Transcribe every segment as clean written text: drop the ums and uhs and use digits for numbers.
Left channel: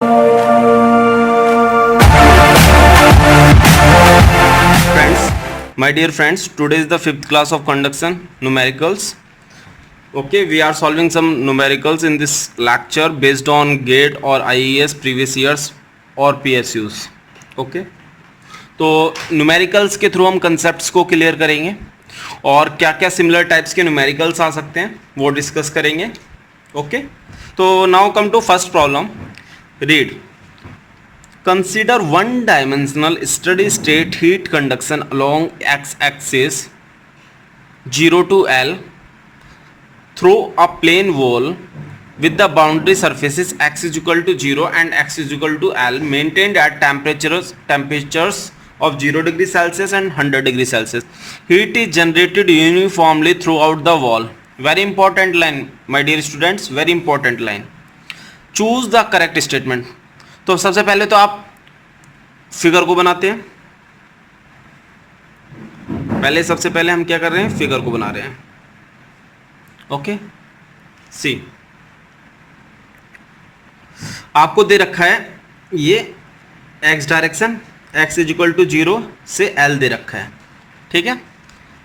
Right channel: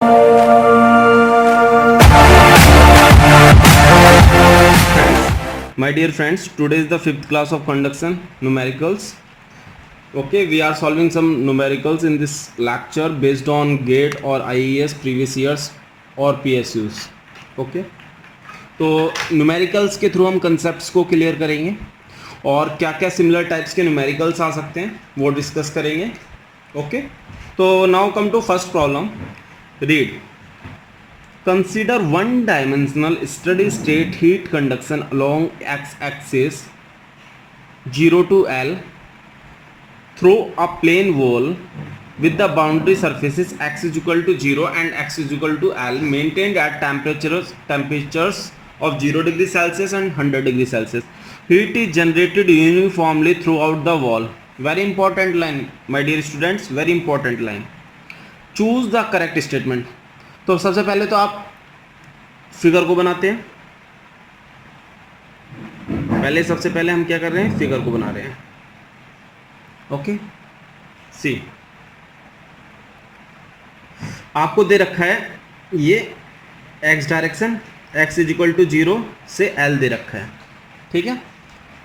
My dear friends, today is the 5th class of conduction numericals. Okay, we are solving some numericals in this lecture based on GATE or IES previous years or PSUs. Okay, तो numericals के through हम concepts को clear करेंगे और क्या क्या similar types के numericals आ सकते हैं वो डिस्कस करेंगे. ओके, तो now come to first problem. Read. Consider one-dimensional steady-state heat conduction along x-axis 0 to L through a plane wall with the boundary surfaces x is equal to 0 and x is equal to L maintained at temperatures of 0 degree Celsius and 100 degree Celsius. Heat is generated uniformly throughout the wall. Very important line, my dear students, very important line. Choose the correct statement. तो सबसे पहले तो आप figure को बनाते हैं. सबसे पहले हम क्या कर रहे हैं, फिगर को बना रहे हैं. ओके, सी आपको दे रखा है ये x direction, x is equal to 0 से एल दे रखा है. ठीक है,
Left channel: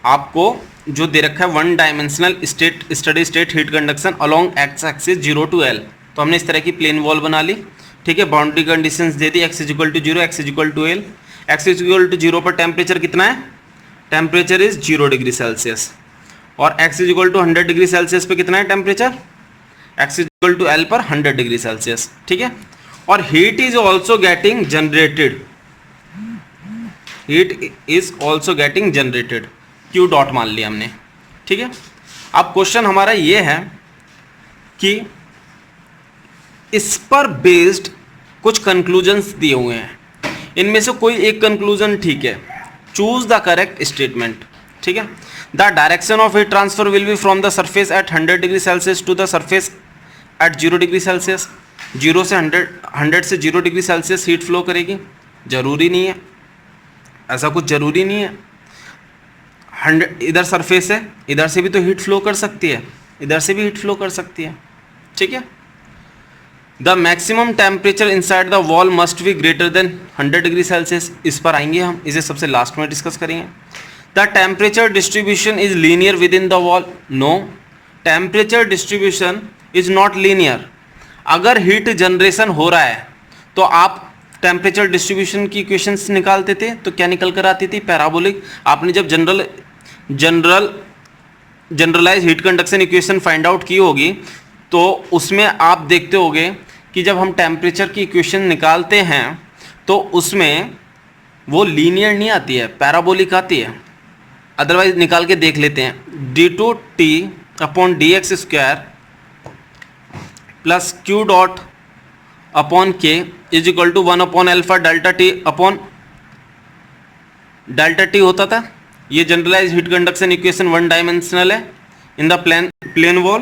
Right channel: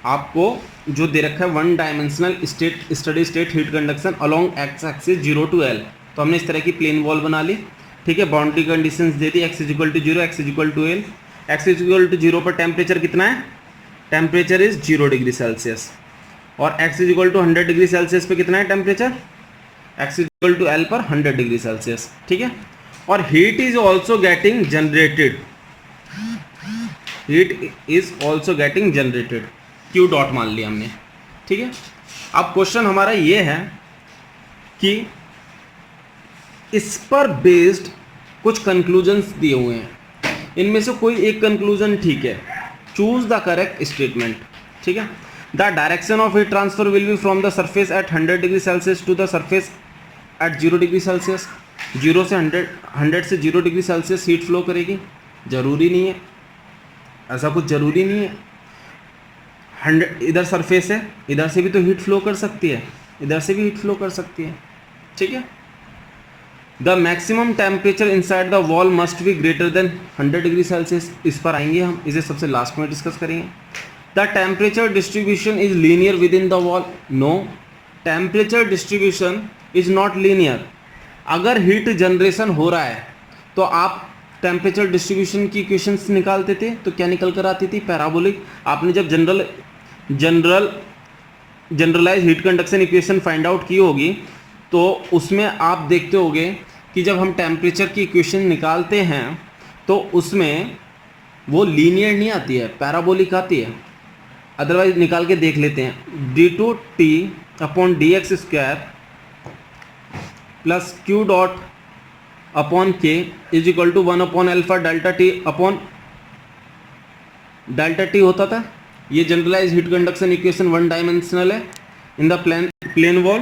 आपको जो दे रखा है one dimensional steady state heat conduction along x axis 0 to L. तो हमने इस तरह की प्लेन वॉल बना ली. ठीक है, बाउंड्री कंडीशंस दे दी, x is equal to 0, x is equal to L. X is equal to 0 पर टेम्परेचर कितना है, टेम्परेचर इज 0 डिग्री सेल्सियस. और x is equal to 100 degree Celsius पे कितना है temperature, x is equal to L पर 100 डिग्री सेल्सियस. ठीक है, और heat is also getting generated, heat is also getting generated, q dot मान लिया हमने. ठीक है, अब क्वेश्चन हमारा ये है कि इस पर बेस्ड कुछ कंक्लूजन्स दिए हुए हैं, इनमें से कोई एक कंक्लूजन ठीक है. Choose the correct statement. ठीक है, the direction of heat transfer will be from the surface at 100 degree Celsius to the surface at 0 degree Celsius. 0 से 100 से 0 डिग्री सेल्सियस हीट फ्लो करेगी. जरूरी नहीं है, ऐसा कुछ जरूरी नहीं है. 100 इधर सरफेस है, इधर से भी तो हीट फ्लो कर सकती है, इधर से भी हीट फ्लो कर सकती है. ठीक है, the maximum temperature inside the wall must be greater than 100 degree Celsius. इस पर आएंगे हम, इसे सबसे लास्ट में डिस्कस करेंगे. The temperature distribution is linear within the wall. No, temperature distribution is not linear. अगर हीट जनरेशन हो रहा है तो आप टेम्परेचर डिस्ट्रीब्यूशन की इक्वेशंस निकालते थे, तो क्या निकल कर आती थी, पैराबोलिक. आपने जब generalise heat conduction equation find out की होगी तो उसमें आप देखते होगे कि जब हम टेम्परेचर की इक्वेशन निकालते हैं तो उसमें वो लीनियर नहीं आती है, पैराबोलिक आती है. अदरवाइज निकाल के देख लेते हैं. d2t upon dx square plus q dot upon k is equal to 1 upon alpha delta T upon delta T होता था. ये generalize heat conduction equation one dimensional है इन द प्लेन वॉल.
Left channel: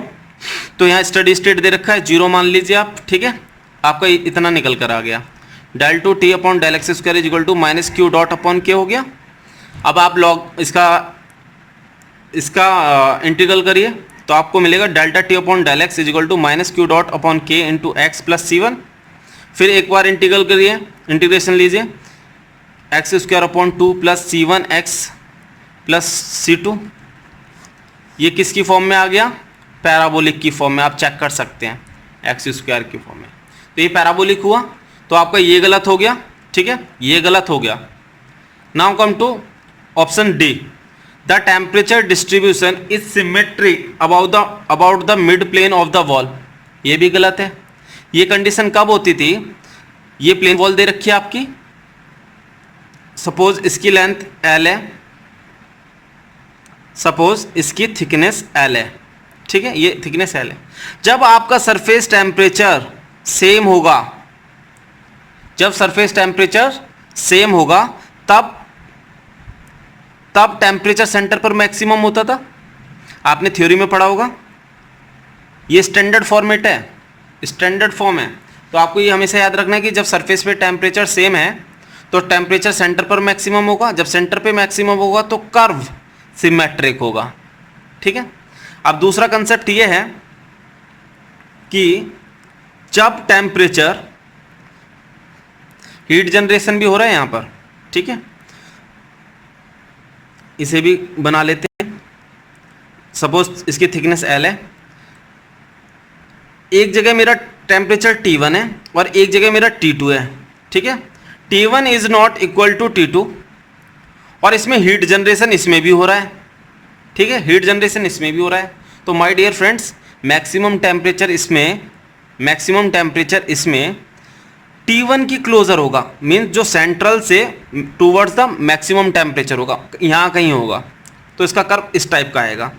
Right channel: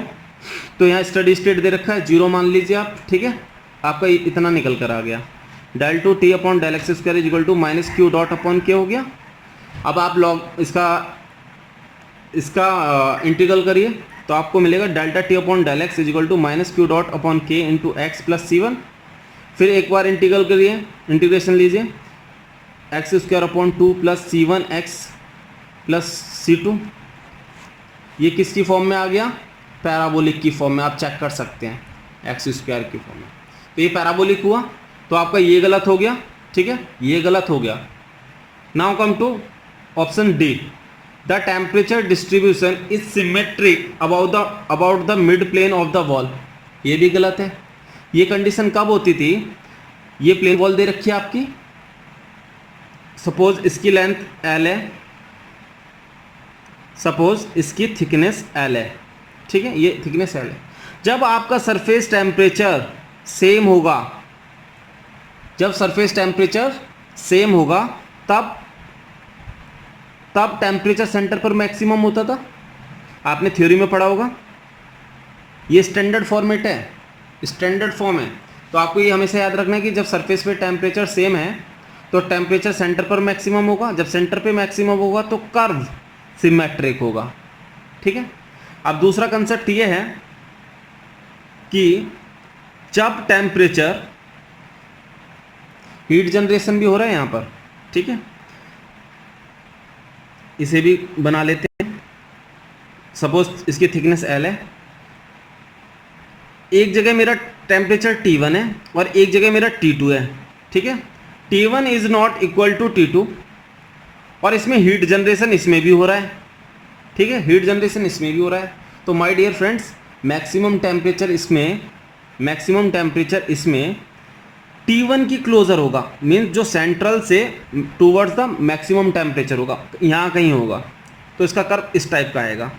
तो यहाँ स्टडी स्टेट दे रखा है 0 मान लीजिए आप. ठीक है, आपका इतना निकल कर आ गया. Del two T upon del x square is equal to minus q dot upon k हो गया. अब आप लॉग इसका इंटीग्रल करिए तो आपको मिलेगा delta T upon del x is equal to minus q dot upon k into x plus C1. फिर एक बार इंटीग्रल करिए, इंटीग्रेशन लीजिए, x square upon 2 plus C1 x plus C2. ये किसकी फॉर्म में आ गया, पैराबोलिक की फॉर्म में. आप चेक कर सकते हैं एक्स स्क्वायर की फॉर्म में. तो ये पैराबोलिक हुआ, तो आपका ये गलत हो गया. ठीक है, ये गलत हो गया. Now come to option D. The temperature distribution is symmetric about the mid plane of the wall. ये भी गलत है. ये कंडीशन कब होती थी, ये प्लेन वॉल दे रखी है आपकी, सपोज इसकी लेंथ L है, सपोज इसकी थिकनेस L है. ठीक है, ये थिकनेस L है. जब आपका सरफेस टेम्परेचर सेम होगा, जब सरफेस टेम्परेचर सेम होगा तब टेम्परेचर सेंटर पर मैक्सिमम होता था. आपने थ्योरी में पढ़ा होगा. ये स्टैंडर्ड फॉर्मेट है, स्टैंडर्ड फॉर्म है. तो आपको ये हमेशा याद रखना है कि जब सरफेस पे टेम्परेचर सेम है तो टेम्परेचर सेंटर पर मैक्सिमम होगा. जब सेंटर पे मैक्सिमम होगा तो कर्व सिमेट्रिक होगा. ठीक है, अब दूसरा कंसेप्ट ये है कि जब टेम्परेचर हीट जनरेशन भी हो रहा है यहाँ पर, ठीक है। इसे भी बना लेते हैं, सपोज इसकी थिकनेस L है, एक जगह मेरा टेम्परेचर T1 है और एक जगह मेरा T2 है, ठीक है। T1 is not equal to T2 और इसमें हीट जनरेशन इसमें भी हो रहा है, ठीक है, हीट जनरेशन इसमें भी हो रहा है। तो my dear friends, maximum temperature इसमें T1 की क्लोजर होगा, मीन्स जो सेंट्रल से टूवर्ड्स द मैक्सिमम टेम्परेचर होगा, यहाँ कहीं होगा। तो इसका कर्व इस टाइप का आएगा,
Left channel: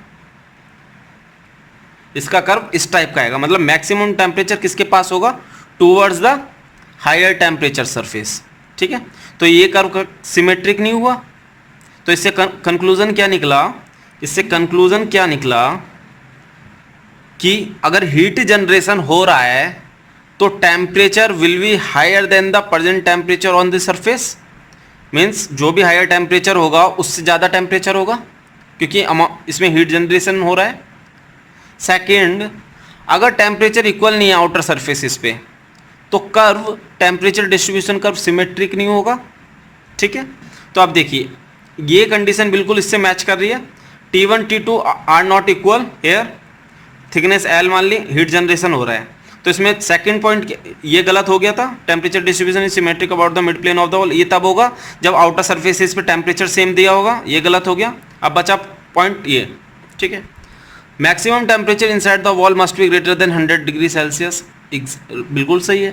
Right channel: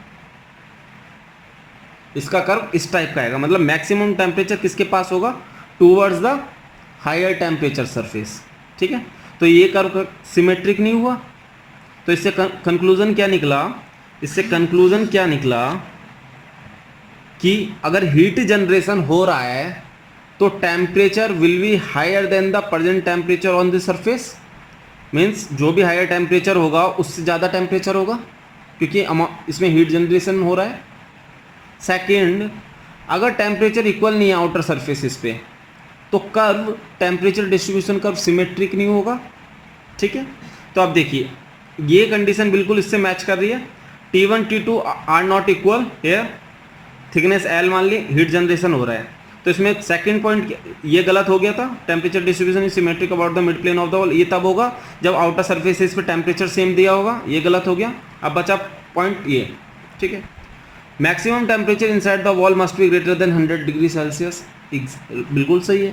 इसका कर्व इस टाइप का आएगा, मतलब मैक्सिमम टेम्परेचर किसके पास होगा, towards the higher temperature surface, ठीक है। तो ये कर्व सिमेट्रिक नहीं हुआ। तो इससे कंक्लूजन क्या निकला, इससे कंक्लूजन क्या निकला कि अगर हीट जनरेशन हो रहा है तो temperature will be higher than the present temperature on the surface, means जो भी हायर टेम्परेचर होगा उससे ज़्यादा टेम्परेचर होगा, क्योंकि इसमें हीट जनरेशन हो रहा है। सेकेंड, अगर टेम्परेचर इक्वल नहीं है आउटर सरफेसिस पे तो curve, temperature distribution curve symmetric नहीं होगा, ठीक है। तो आप देखिए ये कंडीशन बिल्कुल इससे मैच कर रही है। T1 T2 are not equal here, thickness L मान ली, हीट जनरेशन हो रहा है। तो इसमें सेकंड पॉइंट ये गलत हो गया था, temperature distribution is symmetric about the mid plane of the wall, ये तब होगा जब आउटर सरफेसिस पे टेम्परेचर सेम दिया होगा, ये गलत हो गया। अब बचा पॉइंट ये, ठीक है, maximum temperature inside the wall must be greater than 100 degree Celsius, बिल्कुल सही है।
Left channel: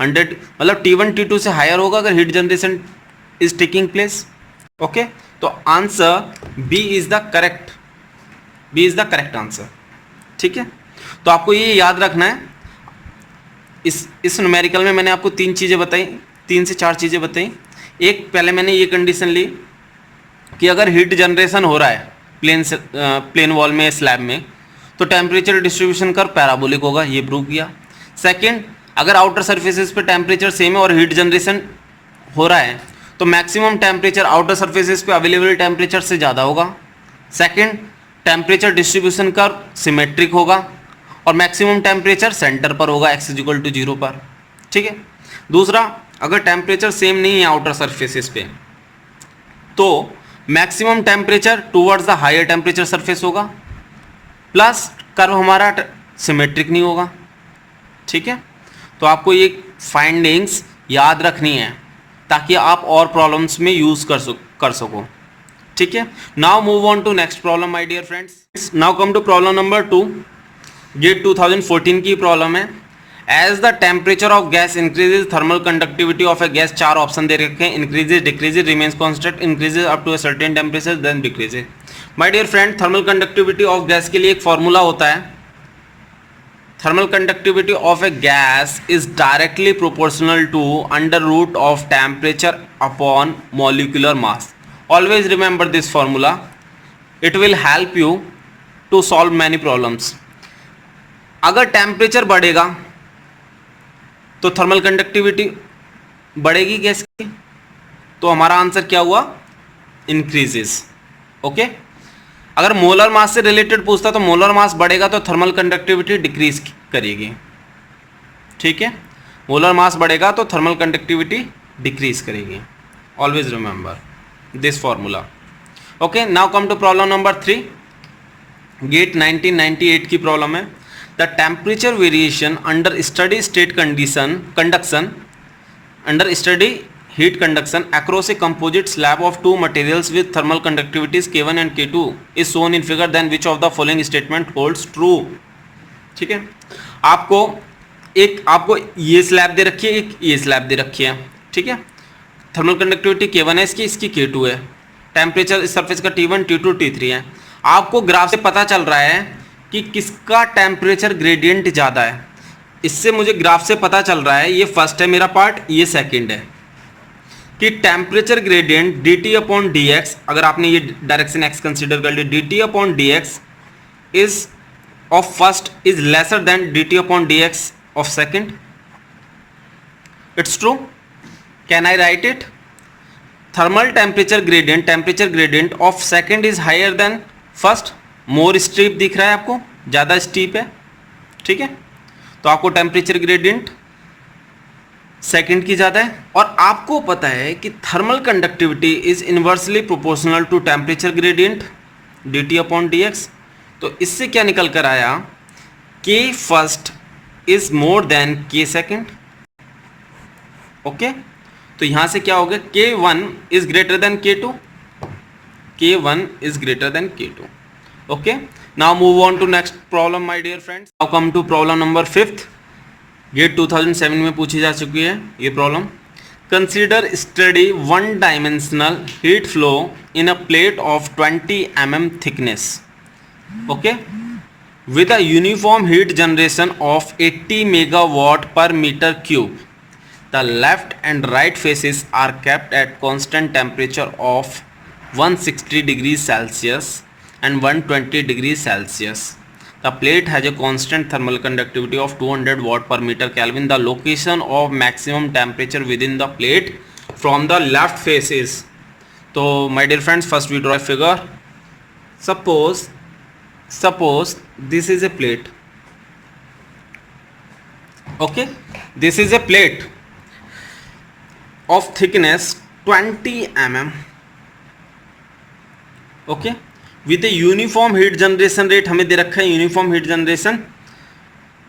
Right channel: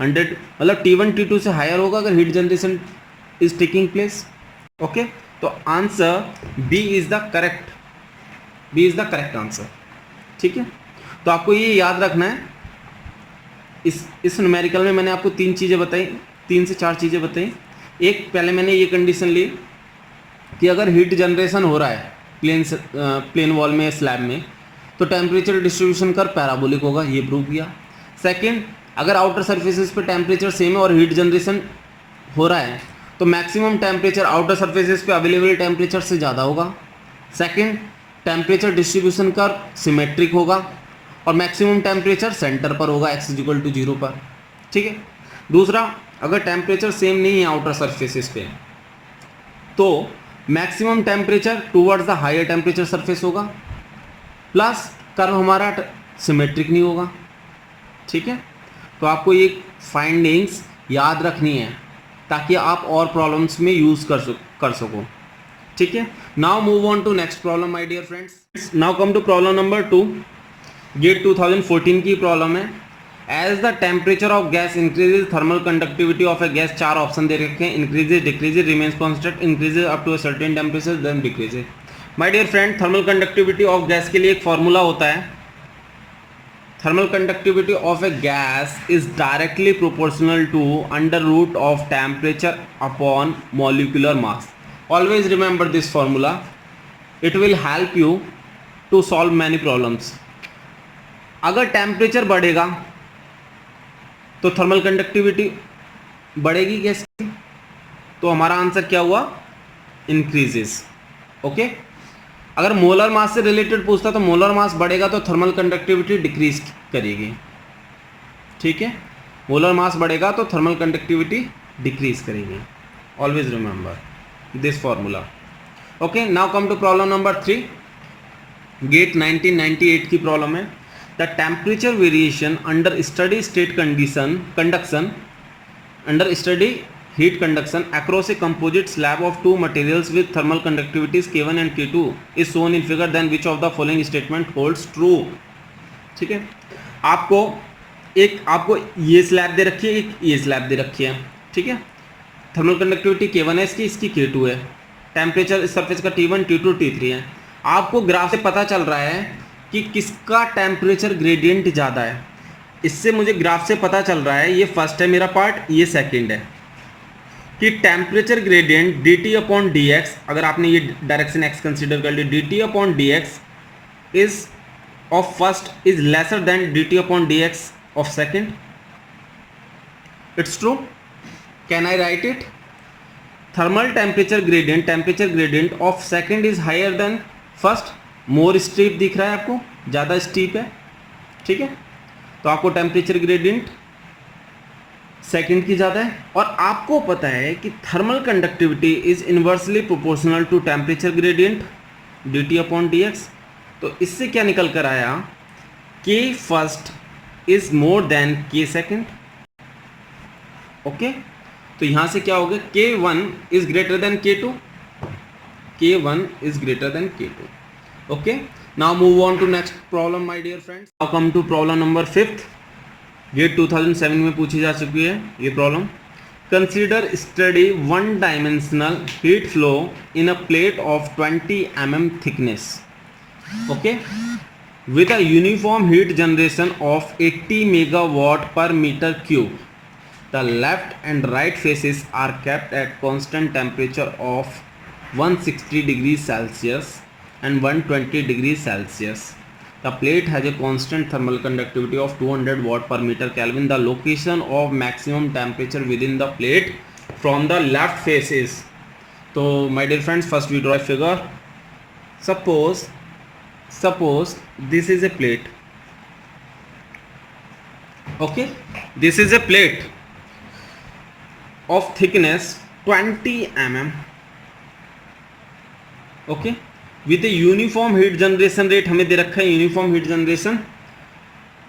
100 मतलब T1 T2 से हायर होगा अगर heat generation is taking place, okay. तो answer B is the correct answer, ठीक है। तो आपको ये याद रखना है, इस न्यूमेरिकल में मैंने आपको 3 चीज़ें बताई, 3 से 4 चीज़ें बताई। एक, पहले मैंने ये कंडीशन ली कि अगर हीट जनरेशन हो रहा है प्लेन वॉल में, स्लैब में, तो टेम्परेचर डिस्ट्रीब्यूशन कर पैराबोलिक होगा, ये प्रूव किया। सेकंड, अगर आउटर सरफेसेस पे टेम्परेचर सेम है और हीट जनरेशन हो रहा है तो मैक्सिमम टेम्परेचर आउटर सरफेसेस पे अवेलेबल टेम्परेचर से ज़्यादा होगा। Second, temperature distribution curve symmetric होगा और मैक्सिमम टेम्परेचर सेंटर पर होगा x = 0 पर, ठीक है। दूसरा, अगर टेम्परेचर सेम नहीं है आउटर सरफेसेस पे तो maximum temperature towards the higher temperature surface होगा, प्लस कर्व हमारा सिमेट्रिक नहीं होगा, ठीक है। तो आपको ये फाइंडिंग्स याद रखनी है ताकि आप और प्रॉब्लम्स में यूज़ कर सको, ठीक है। Now move on to next problem my dear friends. Now come to problem number 2, ये 2014 की प्रॉब्लम है। As the temperature of gas increases, thermal conductivity of a gas, 4 option दे रखे हैं, increases, decreases, remains constant, increases up to a certain temperature, then decreases. My dear friend, thermal conductivity of gas के लिए एक formula होता है, thermal conductivity of a gas is directly proportional to under root of temperature upon molecular mass. Always remember this formula, it will help you to solve many problems. अगर temperature बढ़ेगा तो thermal conductivity बढ़ेगी gas की, तो हमारा answer क्या हुआ, increases, okay. अगर मोलर मास से रिलेटेड पूछता तो मोलर मास बढ़ेगा तो थर्मल कंडक्टिविटी डिक्रीज करेगी, ठीक है। मोलर मास बढ़ेगा तो थर्मल कंडक्टिविटी डिक्रीज करेगी। Always remember this formula, okay. Now come to problem number 3, GATE 1998 की प्रॉब्लम है। The temperature variation under steady state conduction under steady heat conduction across a composite slab of two materials with thermal conductivities K1 and K2 is shown in figure, then which of the following statement holds true, ठीक है। आपको ये slab दे रखी है, एक ये slab दे रखी है, ठीक है। थर्मल कंडक्टिविटी K1 है इसकी K2 है, टेम्परेचर इस सरफेस का T1 T2 T3 है। आपको ग्राफ से पता चल रहा है कि किसका टेम्परेचर ग्रेडियंट ज़्यादा है, इससे मुझे ग्राफ से पता चल रहा है, ये फर्स्ट है मेरा पार्ट, ये सेकेंड है, कि टेम्परेचर ग्रेडियंट dt/dx, अगर आपने ये डायरेक्शन x कंसीडर कर लिया, dt/dx is of first is lesser than dt/dx of second. It's true, can I write it? Thermal temperature gradient of second is higher than first, more steep दिख रहा है आपको, ज़्यादा स्टीप है, ठीक है। तो आपको टेम्परेचर ग्रेडियंट सेकंड की ज़्यादा है, और आपको पता है कि thermal conductivity is inversely proportional to temperature gradient dt upon dx। तो इससे क्या निकल कर आया, k first is more than k second. Okay, तो यहां से क्या हो गया, k1 is greater than k2, k1 is greater than k2. Okay, now move on to next problem my dear friends. Now come to problem number 5th, GATE 2007 में पूछी जा चुकी है ये problem. Consider steady one dimensional heat flow in a plate of 20 mm thickness, okay, with a uniform heat generation of 80 megawatt per meter cube. The left and right faces are kept at constant temperature of 160 degrees Celsius and 120 degrees Celsius. The plate has a constant thermal conductivity of 200 watt per meter Kelvin. The location of maximum temperature within the plate from the left face is. So my dear friends, first we draw a figure. Suppose this is a plate. Okay, this is a plate of thickness 20 mm. Okay, with a uniform heat generation rate हमें दे रखा है, uniform heat generation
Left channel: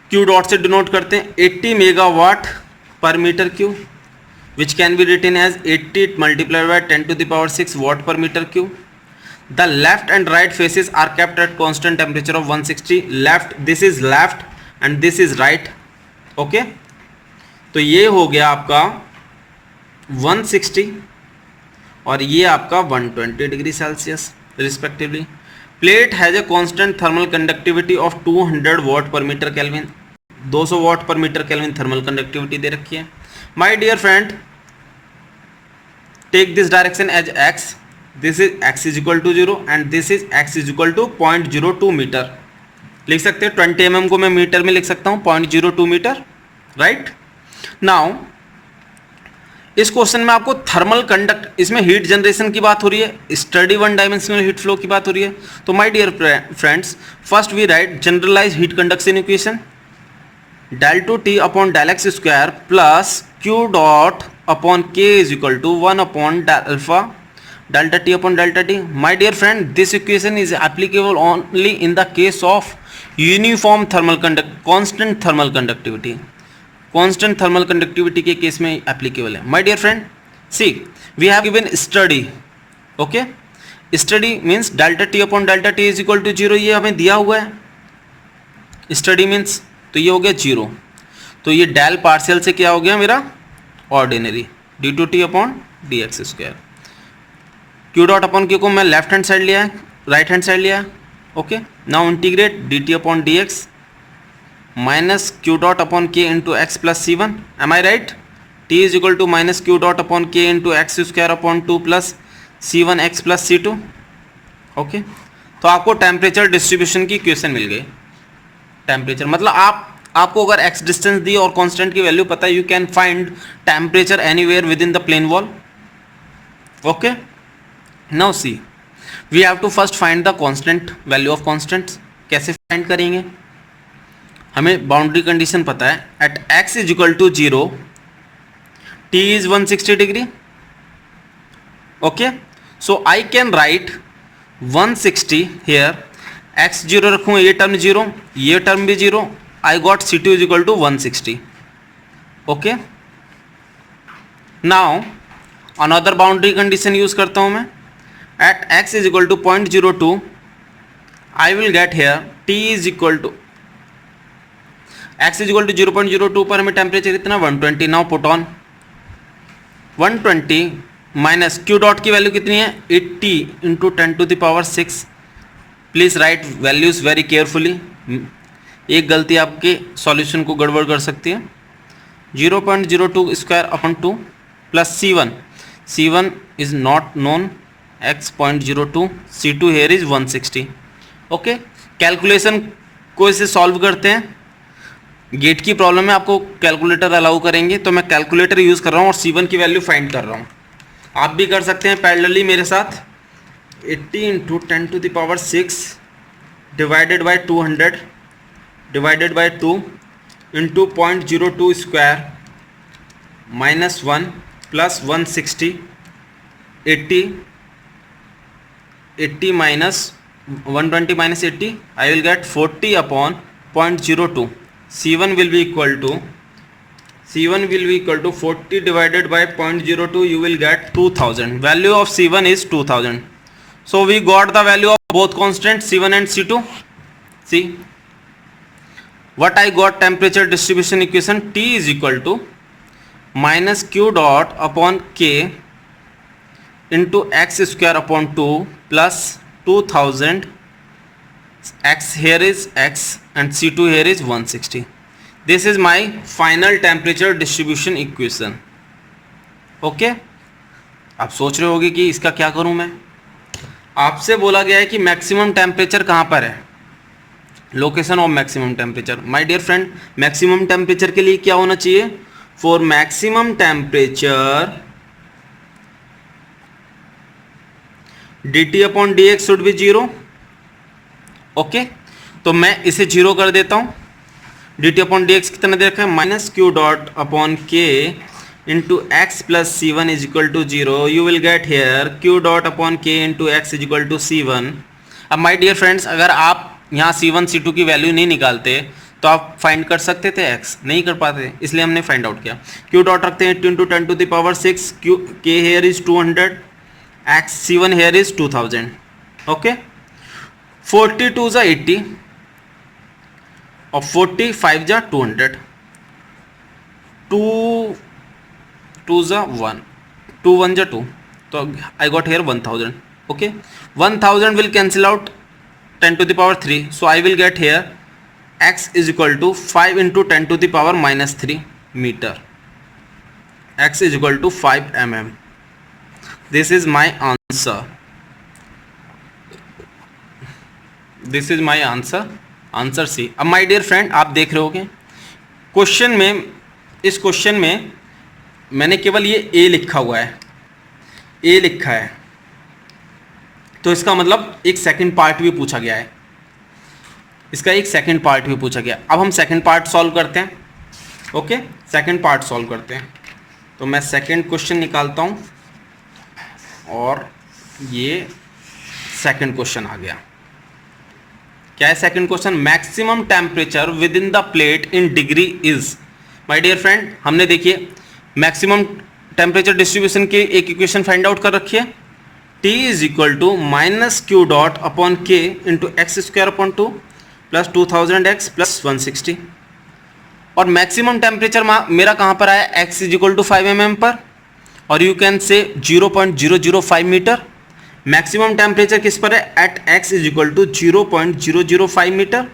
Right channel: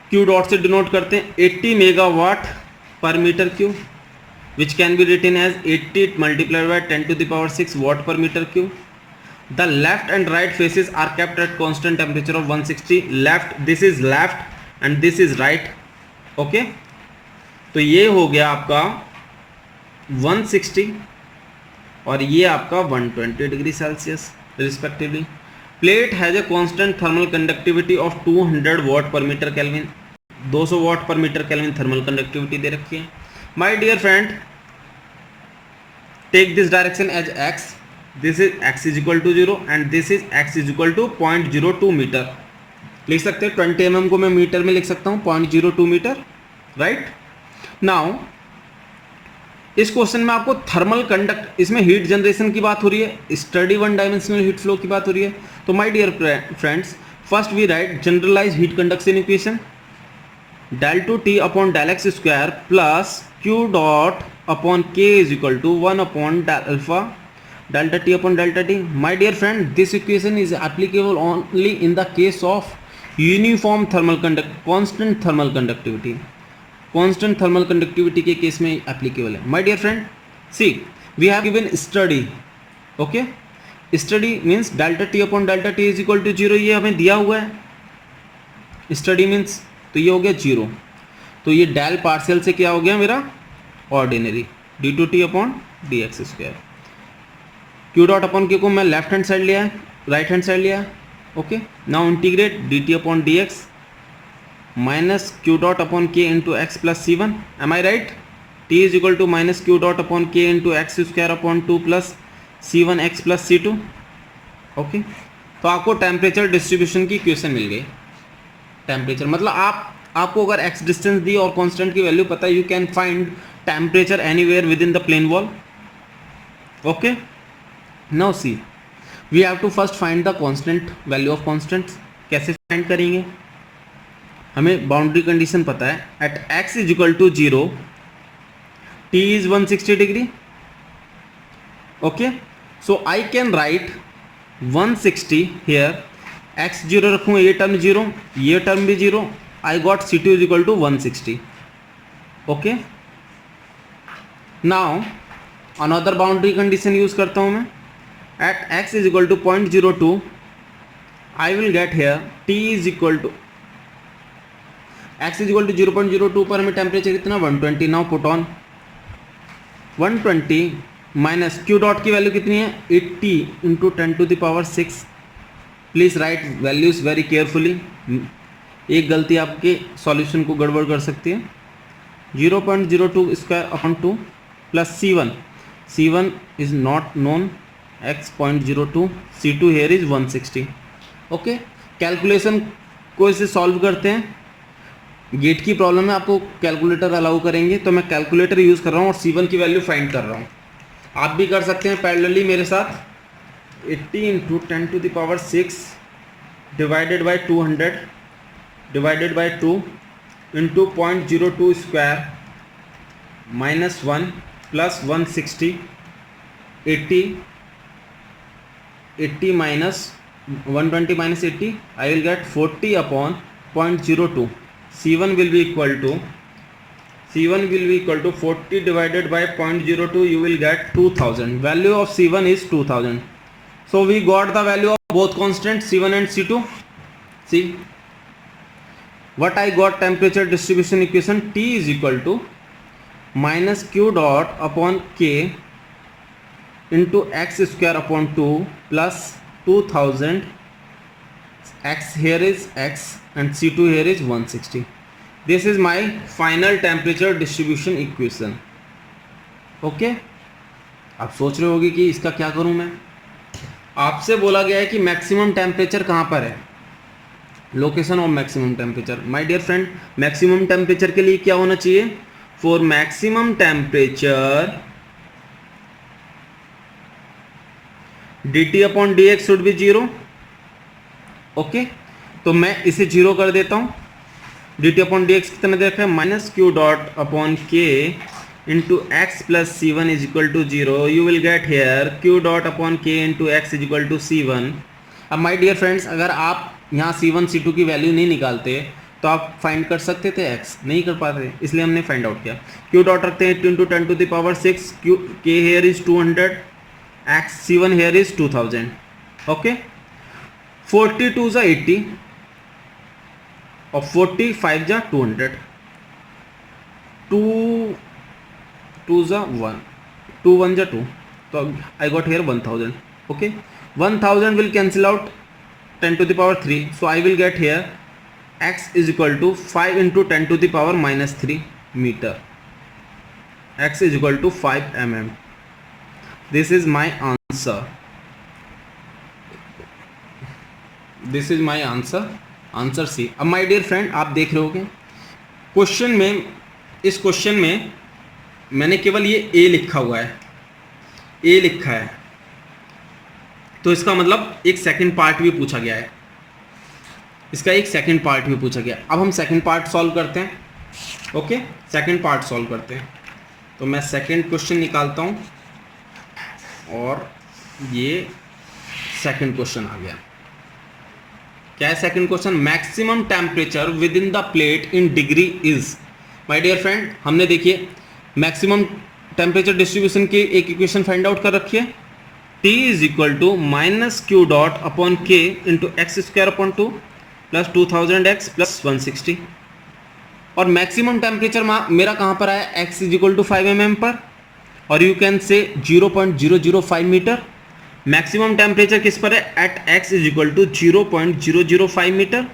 q dot से denote करते हैं 80 megawatt per metre cube, which can be written as 80 multiplied by 10 to the power 6 watt per meter cube. The left and right faces are kept at constant temperature of 160. Left, this is left and this is right. Okay, तो ये हो गया आपका 160 और ये आपका 120 degree Celsius respectively. Plate has a constant thermal conductivity of 200 watt per metre kelvin, 200 watt per metre kelvin thermal conductivity दे रखी है. My dear friend, take this direction as x, this is x is equal to 0 and this is x is equal to 0.02 metre. लिख सकते हैं 20 mm को मैं metre में लिख सकता हूँ 0.02 मीटर, राइट. नाउ इस क्वेश्चन में आपको थर्मल कंडक्ट, इसमें हीट जनरेशन की बात हो रही है, study one dimensional heat flow की बात हो रही है. तो my dear friends, first we write generalize heat conduction equation, del two T upon del x square plus q dot upon k is equal to 1 upon alpha delta T upon delta T. My dear friend, this equation is applicable only in the case of uniform thermal constant thermal conductivity. Constant thermal conductivity के case में applicable है. My dear friend, see we have given steady. Okay, steady means delta T upon delta T is equal to 0, ये हमें दिया हुआ है. Study means तो ये हो गया 0, तो ये डेल पार्शियल से क्या हो गया मेरा ordinary D two T upon D x square. Q dot upon q को मैं लेफ्ट हैंड साइड लिया है, राइट हैंड साइड लिया है. Okay, now integrate d T upon D x minus q dot upon k into x plus c one. Am I right? T is equal to minus q dot upon k into x square upon 2 plus c one x plus c two. Okay, तो आपको temperature distribution की equation मिल गई. Temperature मतलब आपको अगर x distance दी और constant की वैल्यू पता है, you can find temperature anywhere within the plane wall. Okay, now see we have to first find the constant, value of constants. कैसे फाइंड करेंगे? हमें बाउंड्री कंडीशन पता है, at x is equal to 0 t is 160 degree. Okay, so I can write 160 here, x 0 रखूँ, ये term 0, ये term भी 0. I got C2 is equal to 160. Okay, now another boundary condition use करता हूँ मैं. At x is equal to 0.02 I will get here t is equal to x is equal to 0.02 पर हमें temperature इतना 120. Now put on 120 minus q dot की value कितनी है 80 into 10 to the power 6. Please write values very carefully. एक गलती आपके solution को गड़बड़ कर सकती है. 0.02 square upon 2 plus C1 is not known, x 0.02, C2 here is 160. Okay, calculation को इसे सॉल्व करते हैं. गेट की प्रॉब्लम में आपको कैलकुलेटर अलाउ करेंगे, तो मैं कैलकुलेटर यूज़ कर रहा हूँ और C1 की वैल्यू फाइंड कर रहा हूँ. आप भी कर सकते हैं पैरेलली मेरे साथ. 80 into 10 to the power 6 divided by 200 divided by 2 into 0.02 square -1 plus 160 80 minus 120 minus 80, I will get 40 upon 0.02. C1 will be equal to 40 divided by 0.02. You will get 2000. Value of C1 is 2000. So we got the value of both constants C1 and C2. See what I got. Temperature distribution equation, T is equal to minus Q dot upon K into x square upon 2 plus 2000. X here is x and C2 here is 160. This is my final temperature distribution equation. Okay, आप सोच रहे होगे कि इसका क्या करूं मैं. आपसे बोला गया है कि मैक्सिमम टेम्परेचर कहां पर है, location of maximum temperature. My dear friend, maximum temperature के लिए क्या होना चाहिए? For maximum temperature dt upon dx should be 0. Okay, तो मैं इसे 0 कर देता हूं. dt अपॉन dx कितना दे रखा है? Minus q dot upon k into x plus c one is equal to 0. You will get here q dot upon k into x is equal to C1. अब माय डियर फ्रेंड्स, अगर आप यहाँ C1 C2 की value नहीं निकालते तो आप find कर सकते थे, x नहीं कर पाते, इसलिए हमने फाइंड आउट किया. क्यू डॉट रखते हैं 8 × 10⁻6. क्यू के here is 200, x C1 here is 2000. okay, 42 is 80 और 45 is 200. 2 is 1, 2 1 is 2, so I got here 1000. okay, 1000 will cancel out 10⁻3, so I will get here x is equal to 5 × 10⁻³ meter. x is equal to 5 mm. This is my answer. This is my answer. Answer C. अब my dear friend, आप देख रहे होगे question में, इस question में मैंने केवल ये A लिखा हुआ है, A लिखा है, तो इसका मतलब एक सेकंड पार्ट भी पूछा गया है. इसका एक सेकंड पार्ट भी पूछा गया. अब हम सेकंड पार्ट सॉल्व करते हैं. ओके, सेकंड पार्ट सॉल्व करते हैं. तो मैं सेकंड क्वेश्चन निकालता हूँ और ये सेकंड क्वेश्चन आ गया. क्या है second question? Maximum temperature within the plate in degree is. My dear friend, हमने देखिए मैक्सिमम टेम्परेचर डिस्ट्रीब्यूशन की एक इक्वेशन फाइंड आउट कर रखी है. T is equal to minus q dot upon k into x square upon 2 plus 2000x plus 160. और maximum temperature मेरा कहाँ पर आया? x is equal to 5 mm पर, और यू कैन से 0.005 मीटर. मैक्सिमम टेम्परेचर किस पर है? At x is equal to 0.005 metre.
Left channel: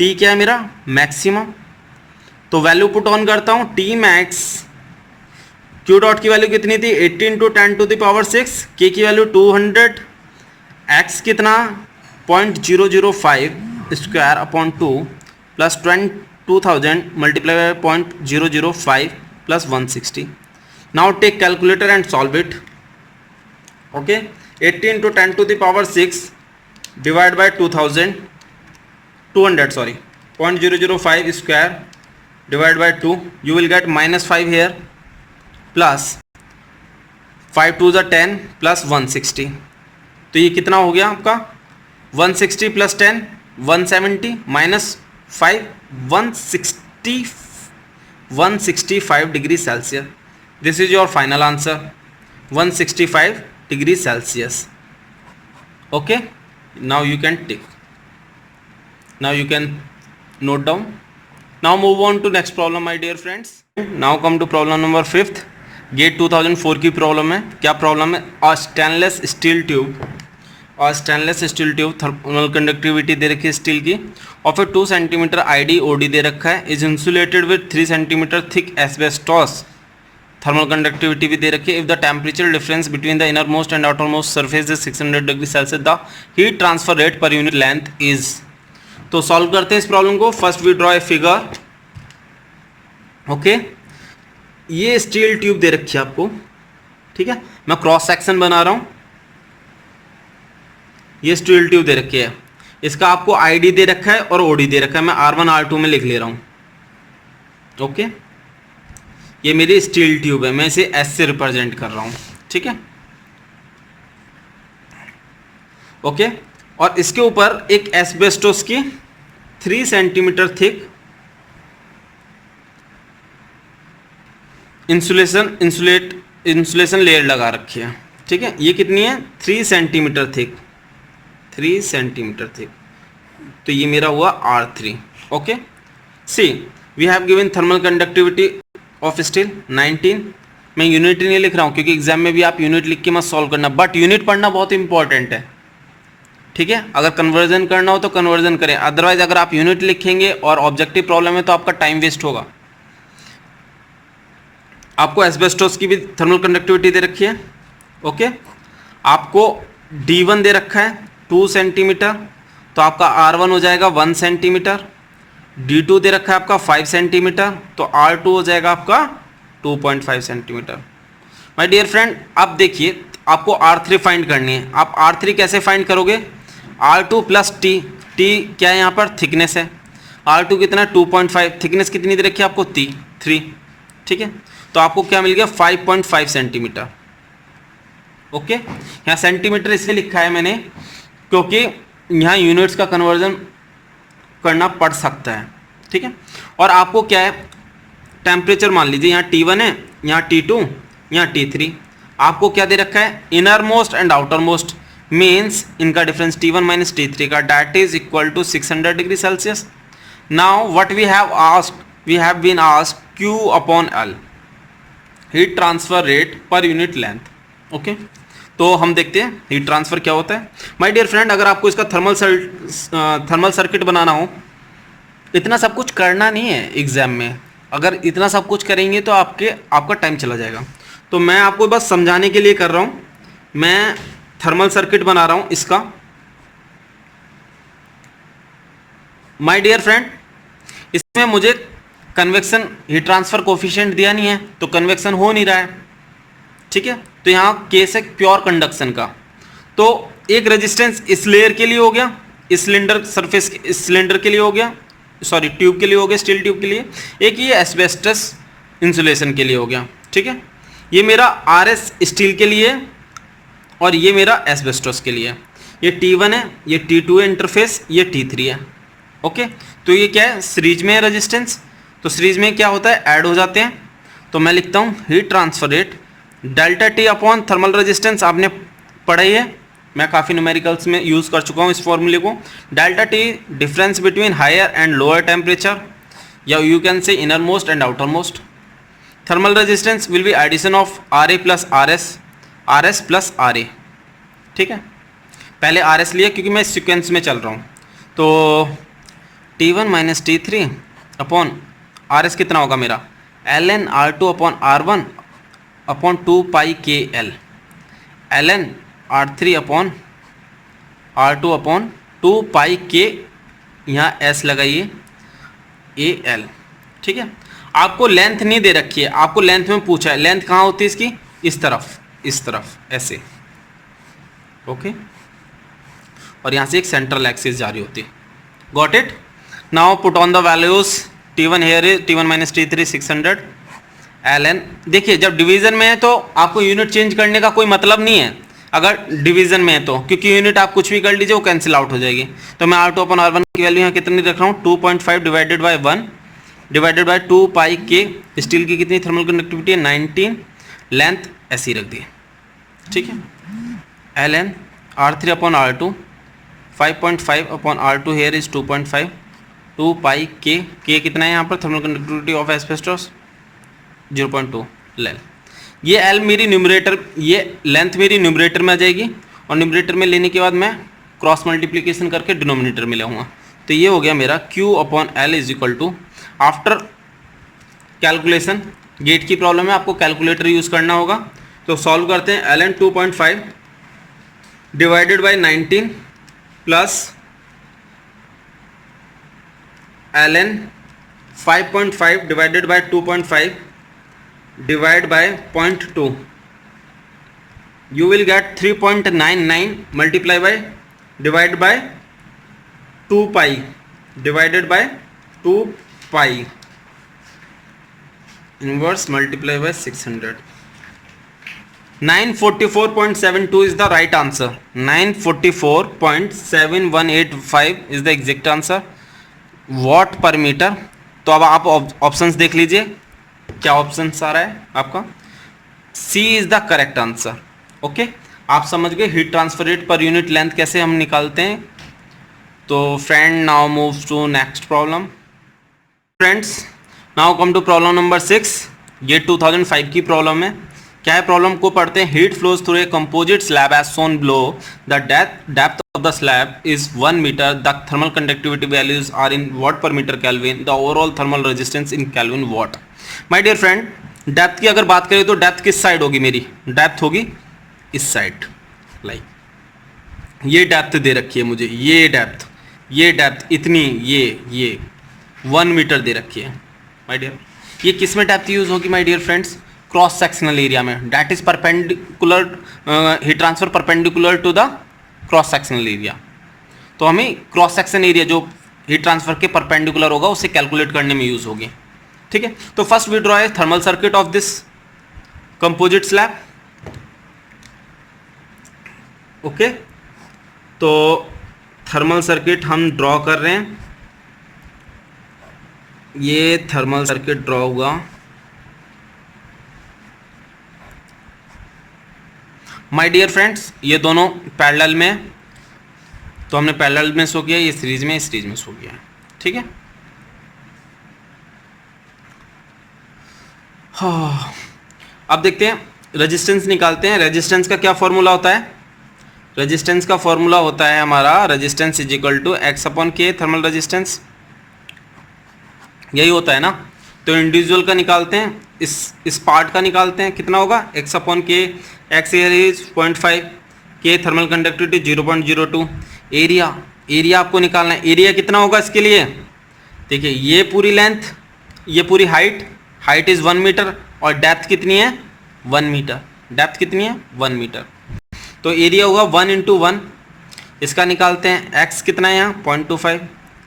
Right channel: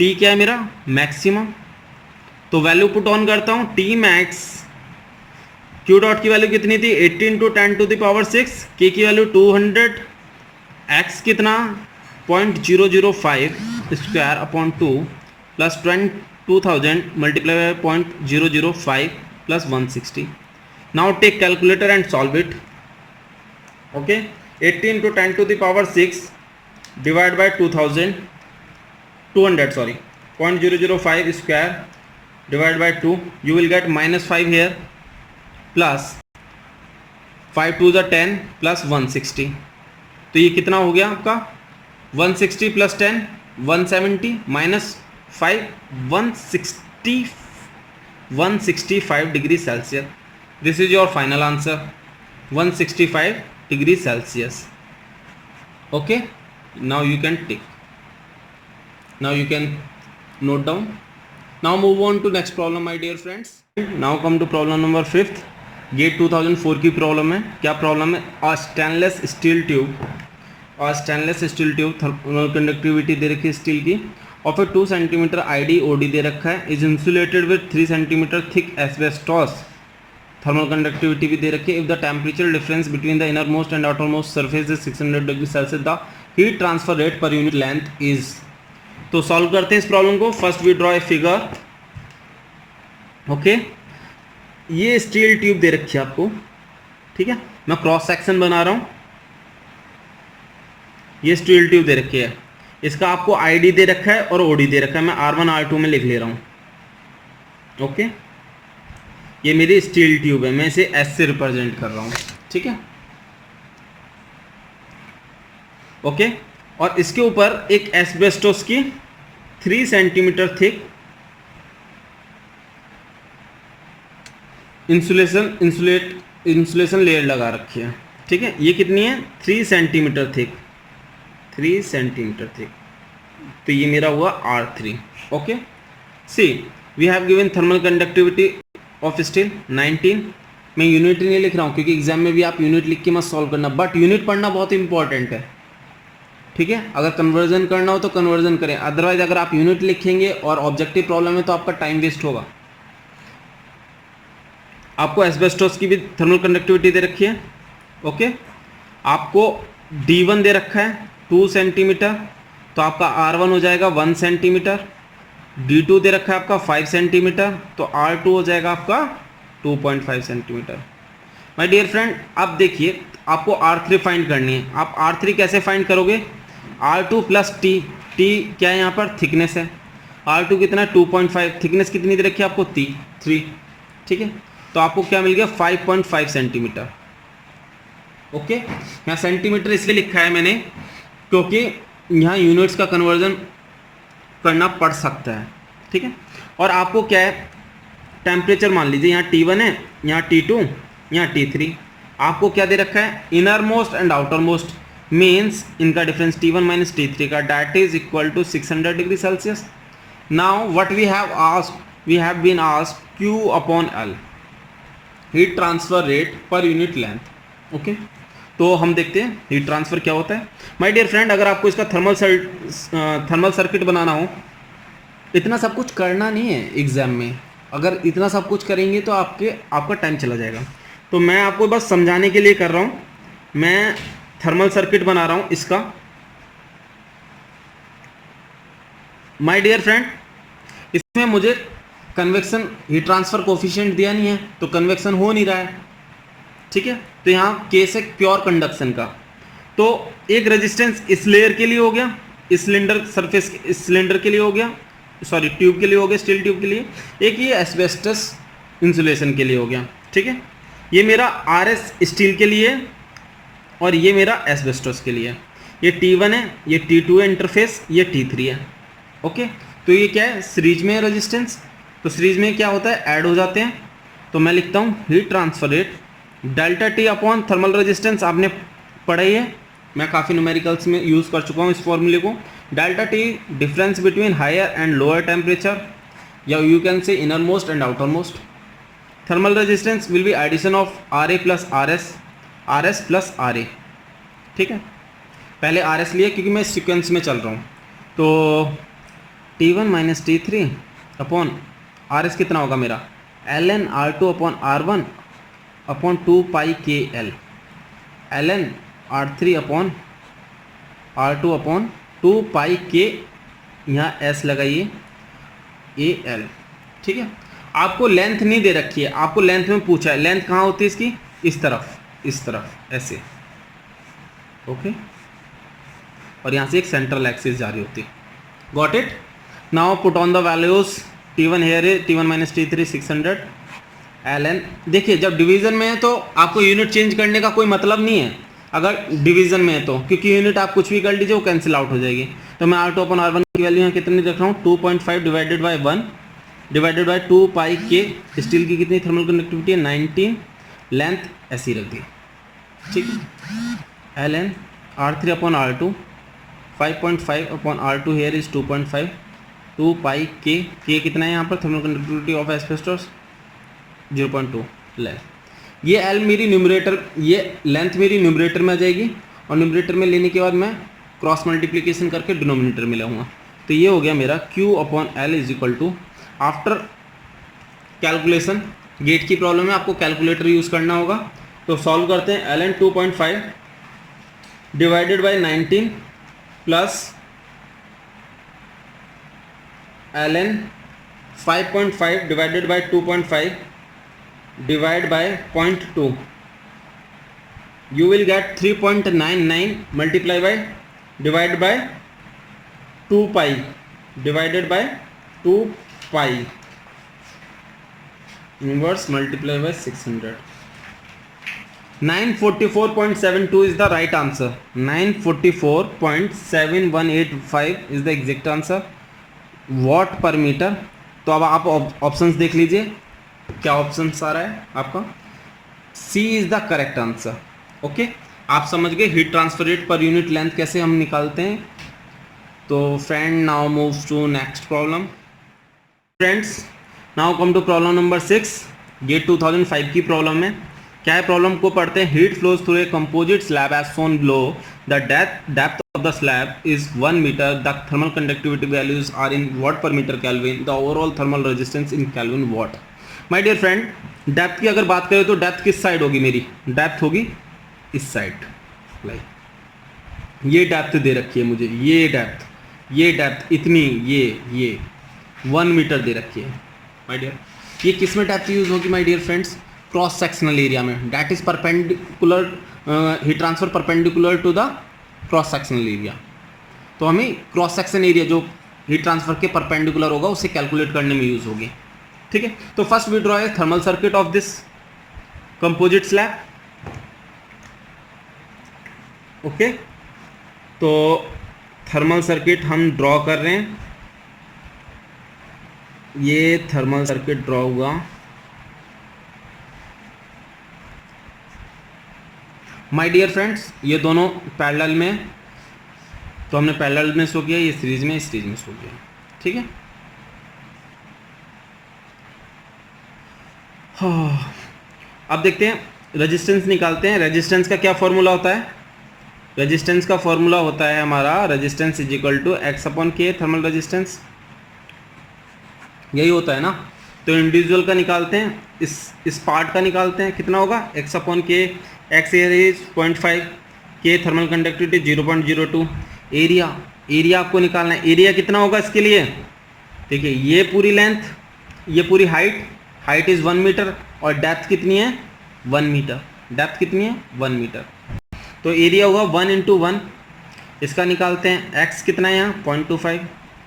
t क्या है मेरा? मैक्सिमम. तो वैल्यू पुट ऑन करता हूँ. t मैक्स, q डॉट की वैल्यू कितनी थी? 18 × 10⁻6, k की वैल्यू 200, x कितना? 0.005 square upon 2 plus 2000 multiply by 0.005 plus 160. Now take calculator and solve it. Okay, 18 × 10⁻6 divided by 200 sorry, 0.005 square divided by 2. You will get -5 here plus 5 2 is 10 plus 160. तो ये कितना हो गया आपका? 160 plus 10 170 minus 5 165 degree Celsius. This is your final answer, 165 degree Celsius. Okay, now you can tick. Now you can note down. Now move on to next problem, my dear friends. Now come to problem number 5th. GATE 2004 की problem है. क्या problem है? A stainless steel tube thermal conductivity दे रखी है steel की, of a 2 centimetre ID OD दे रखा है, is insulated with 3 centimetre thick asbestos. Thermal conductivity भी दे रखी है. If the temperature difference between the inner most and outer most surface is 600 degree Celsius, the heat transfer rate per unit length is. तो solve करते हैं इस problem को. First we draw a figure. Okay, ये steel tube दे रखी है आपको, ठीक है. मैं क्रॉस सेक्शन बना रहा हूँ. ये स्टील ट्यूब दे रखी है, इसका आपको ID दे रखा है और OD दे रखा है. मैं R1 R2 में लिख ले रहा हूँ. ओके, ये मेरी स्टील ट्यूब है, मैं इसे एस से रिप्रेजेंट कर रहा हूँ, ठीक है, ओके। और इसके ऊपर एक एस्बेस्टोस की 3 सेंटीमीटर थिक इंसुलेशन लेयर लगा रखी है, ठीक है। ये कितनी है? 3 सेंटीमीटर थिक, 3 सेंटीमीटर थिक, तो ये मेरा हुआ R3, okay. See we have given thermal conductivity of steel 19। मैं यूनिट नहीं लिख रहा हूँ क्योंकि एग्जाम में भी आप यूनिट लिख के मत सॉल्व करना, बट यूनिट पढ़ना बहुत इंपॉर्टेंट है, ठीक है। अगर कन्वर्जन करना हो तो कन्वर्जन करें, अदरवाइज अगर आप यूनिट लिखेंगे और ऑब्जेक्टिव प्रॉब्लम है तो आपका टाइम वेस्ट होगा। आपको एस्बेस्टोस की भी थर्मल कंडक्टिविटी दे रखी है, ओके। आपको D1 दे रखा है 2 सेंटीमीटर, तो आपका R1 हो जाएगा 1 सेंटीमीटर। D2 दे रखा है आपका 5 सेंटीमीटर, तो R2 हो जाएगा आपका 2.5 सेंटीमीटर। माय डियर फ्रेंड, अब देखिए आपको R3 फाइंड करनी है। आप R3 कैसे फाइंड करोगे? R2 प्लस T, T क्या है यहाँ पर? थिकनेस है। R2 कितना है? 2.5, थिकनेस कितनी दे रखी है आपको? 3, ठीक है। तो आपको क्या मिल गया? 5.5 सेंटीमीटर, ओके। यहाँ सेंटीमीटर इसलिए लिखा है मैंने क्योंकि यहाँ यूनिट्स का कन्वर्जन करना पड़ सकता है, ठीक है। और आपको क्या है? टेम्परेचर मान लीजिए यहाँ T1 है, यहाँ T2, यहाँ T3। आपको क्या दे रखा है? Inner most and outer most, means इनका डिफरेंस T1 माइनस T3 का, that is equal to 600 degree Celsius. Now what we have asked, we have been asked Q upon L, heat transfer rate per unit length, okay. तो हम देखते हैं heat transfer क्या होता है। My dear friend, अगर आपको इसका थर्मल सर्किट बनाना हो, इतना सब कुछ करना नहीं है एग्जाम में। अगर इतना सब कुछ करेंगे तो आपका टाइम चला जाएगा। तो मैं आपको बस समझाने के लिए कर रहा हूँ। मैं थर्मल सर्किट बना रहा हूँ इसका। माय डियर फ्रेंड, इसमें मुझे कन्वेक्शन हीट ट्रांसफर कोफिशिएंट दिया नहीं है, तो कन्वेक्शन हो नहीं रहा है, ठीक है। तो यहाँ केस है प्योर कंडक्शन का। तो एक रेजिस्टेंस इस लेयर के लिए हो गया, इस सिलेंडर सरफेस इस सिलेंडर के लिए हो गया, सॉरी ट्यूब के लिए हो गया, स्टील ट्यूब के लिए। एक ये एस्बेस्टस इंसुलेशन के लिए हो गया, ठीक है। ये मेरा RS स्टील के लिए और ये मेरा एस्बेस्टस के लिए। ये T1 है, ये T2 है इंटरफेस, ये T3 है, ओके। तो ये क्या है? सीरीज में है रेजिस्टेंस, तो सीरीज में क्या होता है? ऐड हो जाते हैं। तो मैं लिखता हूँ heat transfer rate delta T upon thermal resistance, आपने पढ़ा ही है, मैं काफ़ी न्यूमेरिकल्स में यूज़ कर चुका हूँ इस फॉर्मूले को। Delta T difference between higher and lower temperature, या you can say inner most and outer most. Thermal resistance will be addition of RA plus RS plus RA, ठीक है। पहले RS लिया क्योंकि मैं सीक्वेंस में चल रहा हूँ। तो T1 minus T3 upon RS कितना होगा मेरा? ln R2 upon R1 upon 2 पाई KL, ln R3 upon R2 upon 2 पाई K, यहाँ S लगाइए AL, ठीक है। आपको लेंथ नहीं दे रखी है, आपको लेंथ में पूछा है। लेंथ कहाँ होती है इसकी? इस तरफ ऐसे, ओके। और यहाँ से एक सेंट्रल एक्सिस जारी होती है। Got it? Now put on the values. T1 here is T1 minus T3 600 ln। देखिए जब डिवीजन में है तो आपको यूनिट चेंज करने का कोई मतलब नहीं है अगर डिवीजन में है तो, क्योंकि यूनिट आप कुछ भी कर लीजिए वो कैंसिल आउट हो जाएगी। तो मैं R2 अपन R1 की वैल्यू यहाँ कितनी रख रहा हूँ? 2.5 divided by 1 divided by 2 pi K। Steel की कितनी थर्मल कंडक्टिविटी है? 19। लेंथ ऐसी रख दी, ठीक है। ln R3 upon R2 5.5 upon R2 here is 2.5 2 pi K कितना है यहाँ पर? Thermal conductivity of asbestos 0.2 length. ये L मेरी न्यूमरेटर, ये लेंथ मेरी न्यूमरेटर में आ जाएगी, और न्यूमरेटर में लेने के बाद मैं क्रॉस मल्टीप्लिकेशन करके डिनोमिनेटर में लाऊंगा। तो ये हो गया मेरा Q upon L is equal to, after calculation, GATE की प्रॉब्लम है आपको कैलकुलेटर यूज़ करना होगा। तो सॉल्व करते हैं। ln 2.5 divided by 19 plus ln 5.5 divided by 2.5 divide by 0.2, you will get 3.99 multiply by divide by 2 pi divided by 2 pi, inverse multiply by 600. 944.72 is the right answer. 944.7185 is the exact answer. What पर metre. तो अब आप options देख लीजिए, क्या options आ रहा है आपका. C is the correct answer. Okay, आप समझ गए heat transfer rate per unit length कैसे हम निकालते हैं. तो friend now move to next problem. Friends now come to problem number 6. ये 2005 की प्रॉब्लम है. क्या है प्रॉब्लम को पढ़ते हैं. Heat flows through a composite slab as shown below. The depth of the slab is 1 meter. The thermal conductivity values are in watt per meter Kelvin. The overall thermal resistance in Kelvin watt. My dear friend, depth की अगर बात करें तो depth किस side होगी मेरी. Depth होगी इस साइड. लाइक ये डेप्थ दे रखी है मुझे, ये डेप्थ इतनी, ये 1 मीटर दे रखी है. माय डियर, ये किस में डेप्थ यूज होगी my dear friends. Cross sectional area में. That is perpendicular, heat transfer perpendicular to the cross sectional area. तो हमें क्रॉस सेक्शन एरिया जो हीट ट्रांसफर के परपेंडिकुलर होगा उसे कैलकुलेट करने में यूज होगी. ठीक है, तो first we draw a thermal circuit of this composite slab. Okay, तो थर्मल सर्किट हम ड्रॉ कर रहे हैं. ये थर्मल सर्किट ड्रॉ हुआ. माय डियर फ्रेंड्स, ये दोनों पैरेलल में, तो हमने पैरेलल में शो किया, ये सीरीज में शो किया. ठीक है, हाँ, अब देखते हैं रेजिस्टेंस निकालते हैं. रेजिस्टेंस का क्या फॉर्मूला होता है. रेजिस्टेंस का फॉर्मूला होता है हमारा resistance is equal to x upon k. Thermal resistance यही होता है ना. तो इंडिविजुअल का निकालते हैं, इस पार्ट का निकालते हैं. कितना होगा एक्स अपॉन के. एक्स एयर इज 0.5, के थर्मल कंडक्टिविटी 0.02. एरिया आपको निकालना है. एरिया कितना होगा इसके लिए. देखिए ये पूरी लेंथ, ये पूरी हाइट इज 1 मीटर और डेप्थ कितनी है 1 मीटर. डेप्थ कितनी है 1 मीटर. तो एरिया होगा 1 × 1. इसका निकालते हैं. एक्स कितना है यहाँ 0.25,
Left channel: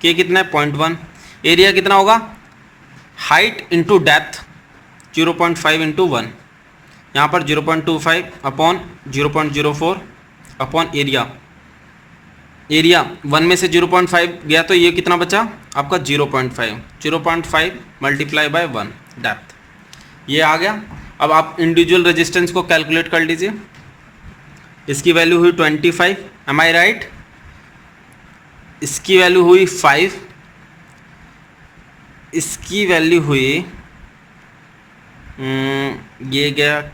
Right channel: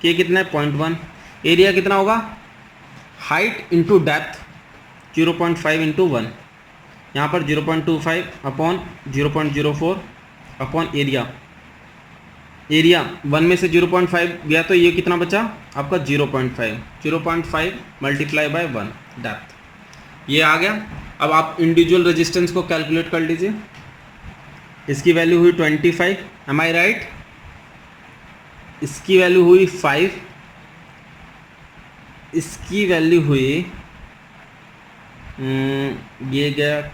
के कितना है 0.1. एरिया कितना होगा हाइट इंटू डेप्थ 0.5 × 1. यहाँ पर 0.25 अपॉन 0.04 अपॉन एरिया 1 में से 0.5 गया तो ये कितना बचा आपका 0.5 मल्टीप्लाई बाय 1 डेप्थ. ये आ गया. अब आप इंडिविजुअल रेजिस्टेंस को कैलकुलेट कर लीजिए. इसकी वैल्यू हुई 25, एम आई राइट. इसकी वैल्यू हुई 5, इसकी वैल्यू हुई ये गया,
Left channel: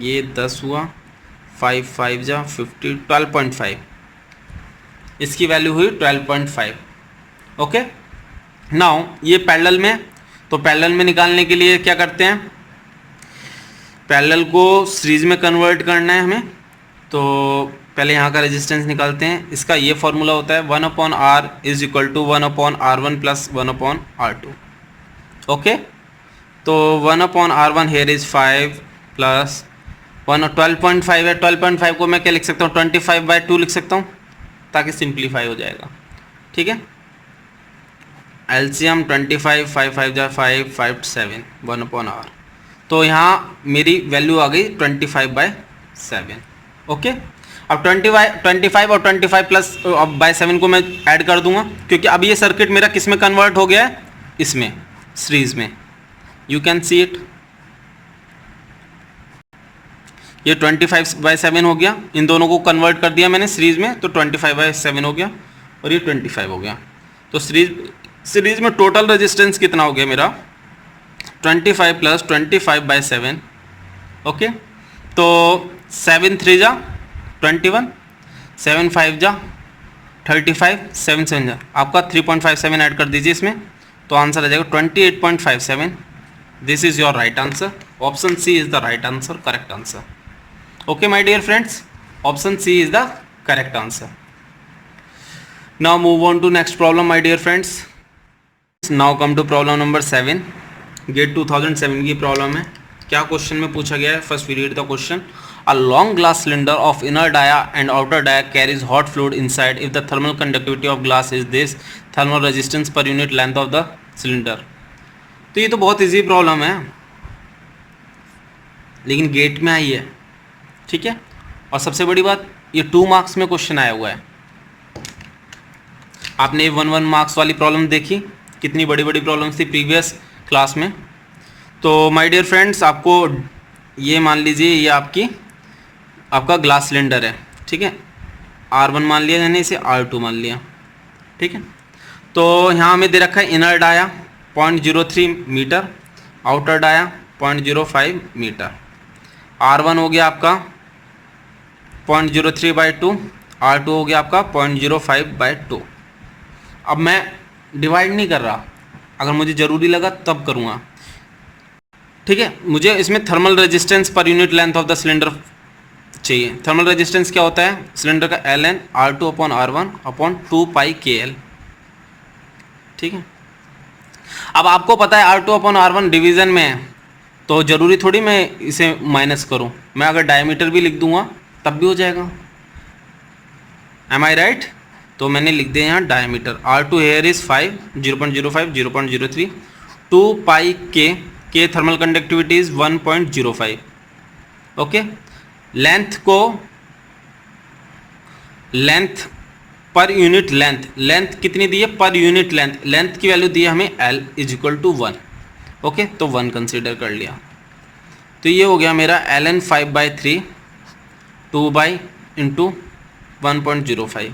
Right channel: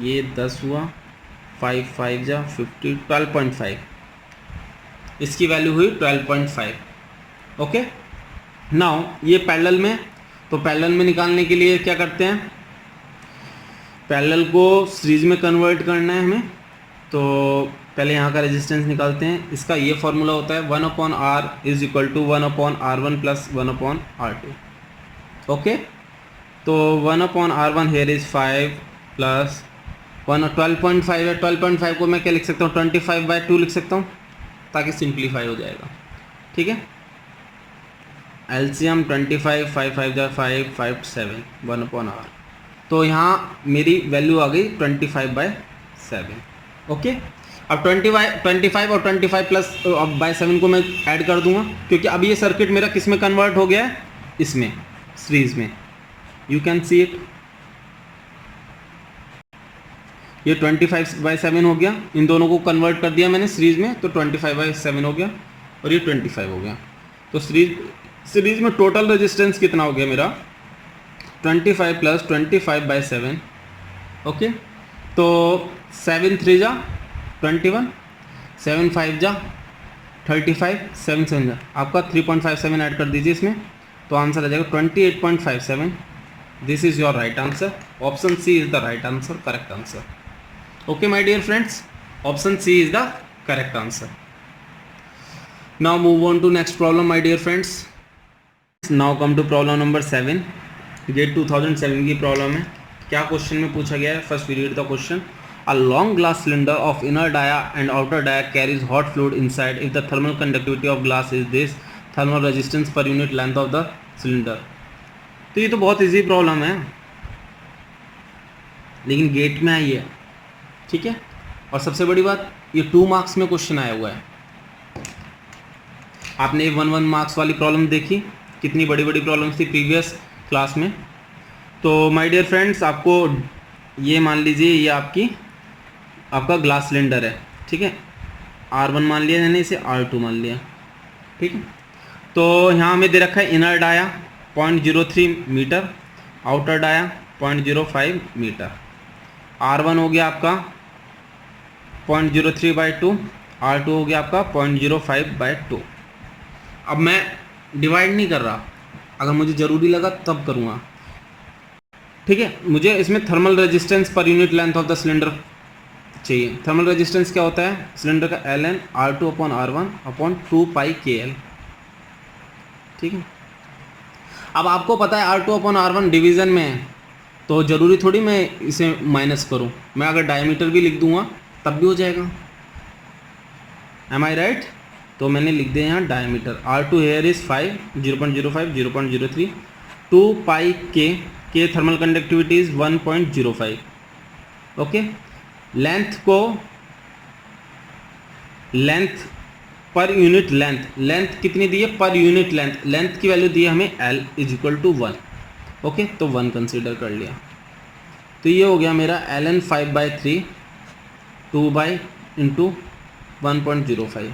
ये 10 हुआ, 5 5 जा 50, 12.5. इसकी वैल्यू हुई 12.5. ओके, नाउ ये पैरेलल में, तो पैरेलल में निकालने के लिए क्या करते हैं, पैरेलल को सीरीज में कन्वर्ट करना है हमें. तो पहले यहाँ का रेजिस्टेंस निकालते हैं. इसका ये फॉर्मूला होता है 1/R is equal to 1/R1 plus 1/R2. Okay, तो 1/R1 हेयर इज 5 प्लस 12.5 है. 12.5 को मैं क्या लिख सकता हूँ 25/2 लिख सकता हूँ ताकि सिंप्लीफाई हो जाएगा. ठीक है, एलसीएम 25, 5 5 जा 5 5 7 1/R. तो यहाँ मेरी वैल्यू आ गई 25/7. ओके, अब 25 और 25 प्लस बाय 7 को मैं ऐड कर दूंगा क्योंकि अब ये सर्किट मेरा किस में कन्वर्ट हो गया है, इसमें सीरीज में. You can see it. ये 25/7 हो गया. इन दोनों को कन्वर्ट कर दिया मैंने सीरीज में, तो 25/7 हो गया और ये 25 हो गया. तो सीरीज में टोटल रेजिस्टेंस कितना हो गया मेरा 25 प्लस 25/7. ओके, तो 7 3 जा 21, 7 5 जा 35, 7 7 जा आपका 3.57 ऐड कर दीजिए इसमें, तो आंसर आ जाएगा 28.57. This is your right answer. Option C is the right answer, correct answer. Okay my dear friends, option C is the correct answer. Now move on to next problem my dear friends. Now come to problem number 7. GATE 2007 की problem है. क्या question में पूछा गया है, first we read the question. A long glass cylinder of inner dia and outer dia carries hot fluid inside. If the thermal conductivity of glass is this, thermal resistance per unit length of the cylinder. तो ये तो बहुत easy problem है. लेकिन gate में आई है, ठीक है। और सबसे बड़ी बात, ये 2 मार्क्स में क्वेश्चन आया हुआ है। आपने 1 मार्क्स वाली प्रॉब्लम देखी, कितनी बड़ी बड़ी प्रॉब्लम्स थी प्रीवियस क्लास में। तो माय डियर फ्रेंड्स, आपको ये मान लीजिए, ये आपका ग्लास सिलेंडर है, ठीक है। R1 मान लिया, यानी इसे R2 मान लिया, ठीक है। तो यहाँ हमें दे रखा है inner dia 0.03 metre, outer dia 0.05 metre. R1 हो गया आपका 0.03/2, R2 हो गया आपका 0.05/2। अब मैं डिवाइड नहीं कर रहा, अगर मुझे ज़रूरी लगा तब करूँगा, ठीक है। मुझे इसमें थर्मल रेजिस्टेंस पर unit length of the cylinder चाहिए। थर्मल रेजिस्टेंस क्या होता है? सिलेंडर का ln R2/R1/2πkL, ठीक है। अब आपको पता है R2/R1 डिवीज़न में है, तो ज़रूरी थोड़ी मैं इसे माइनस करूं। मैं अगर डायमीटर भी लिख दूंगा तब भी हो जाएगा। M I right? तो मैंने लिख दिया यहाँ diameter. R2 here is 5, 0.05, 0.03, 2πk, के thermal conductivity is 1.05, okay. Length पर यूनिट लेंथ कितनी दी है? पर यूनिट लेंथ की वैल्यू दी है हमें L = 1, ओके। तो 1 कंसीडर कर लिया। तो ये हो गया मेरा ln 5/3 2 × 1.05।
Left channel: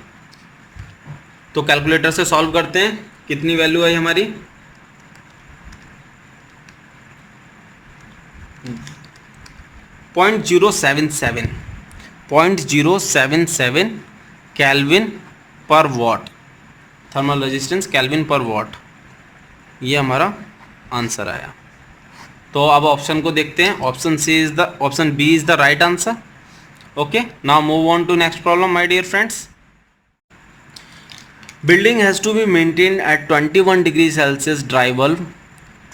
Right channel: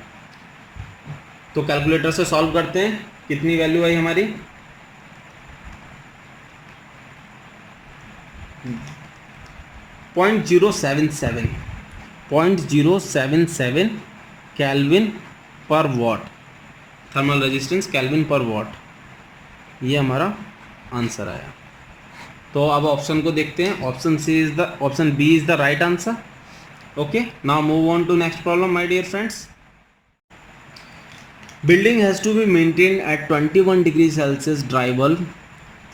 तो कैलकुलेटर से सॉल्व करते हैं, कितनी वैल्यू आई हमारी? 0.077 केल्विन पर वॉट, थर्मल रेजिस्टेंस केल्विन पर वॉट, ये हमारा आंसर आया। तो अब ऑप्शन को देखते हैं। Option B is the right answer, okay. Now move on to next problem my dear friends. Building has to be maintained at 21 degree Celsius dry bulb,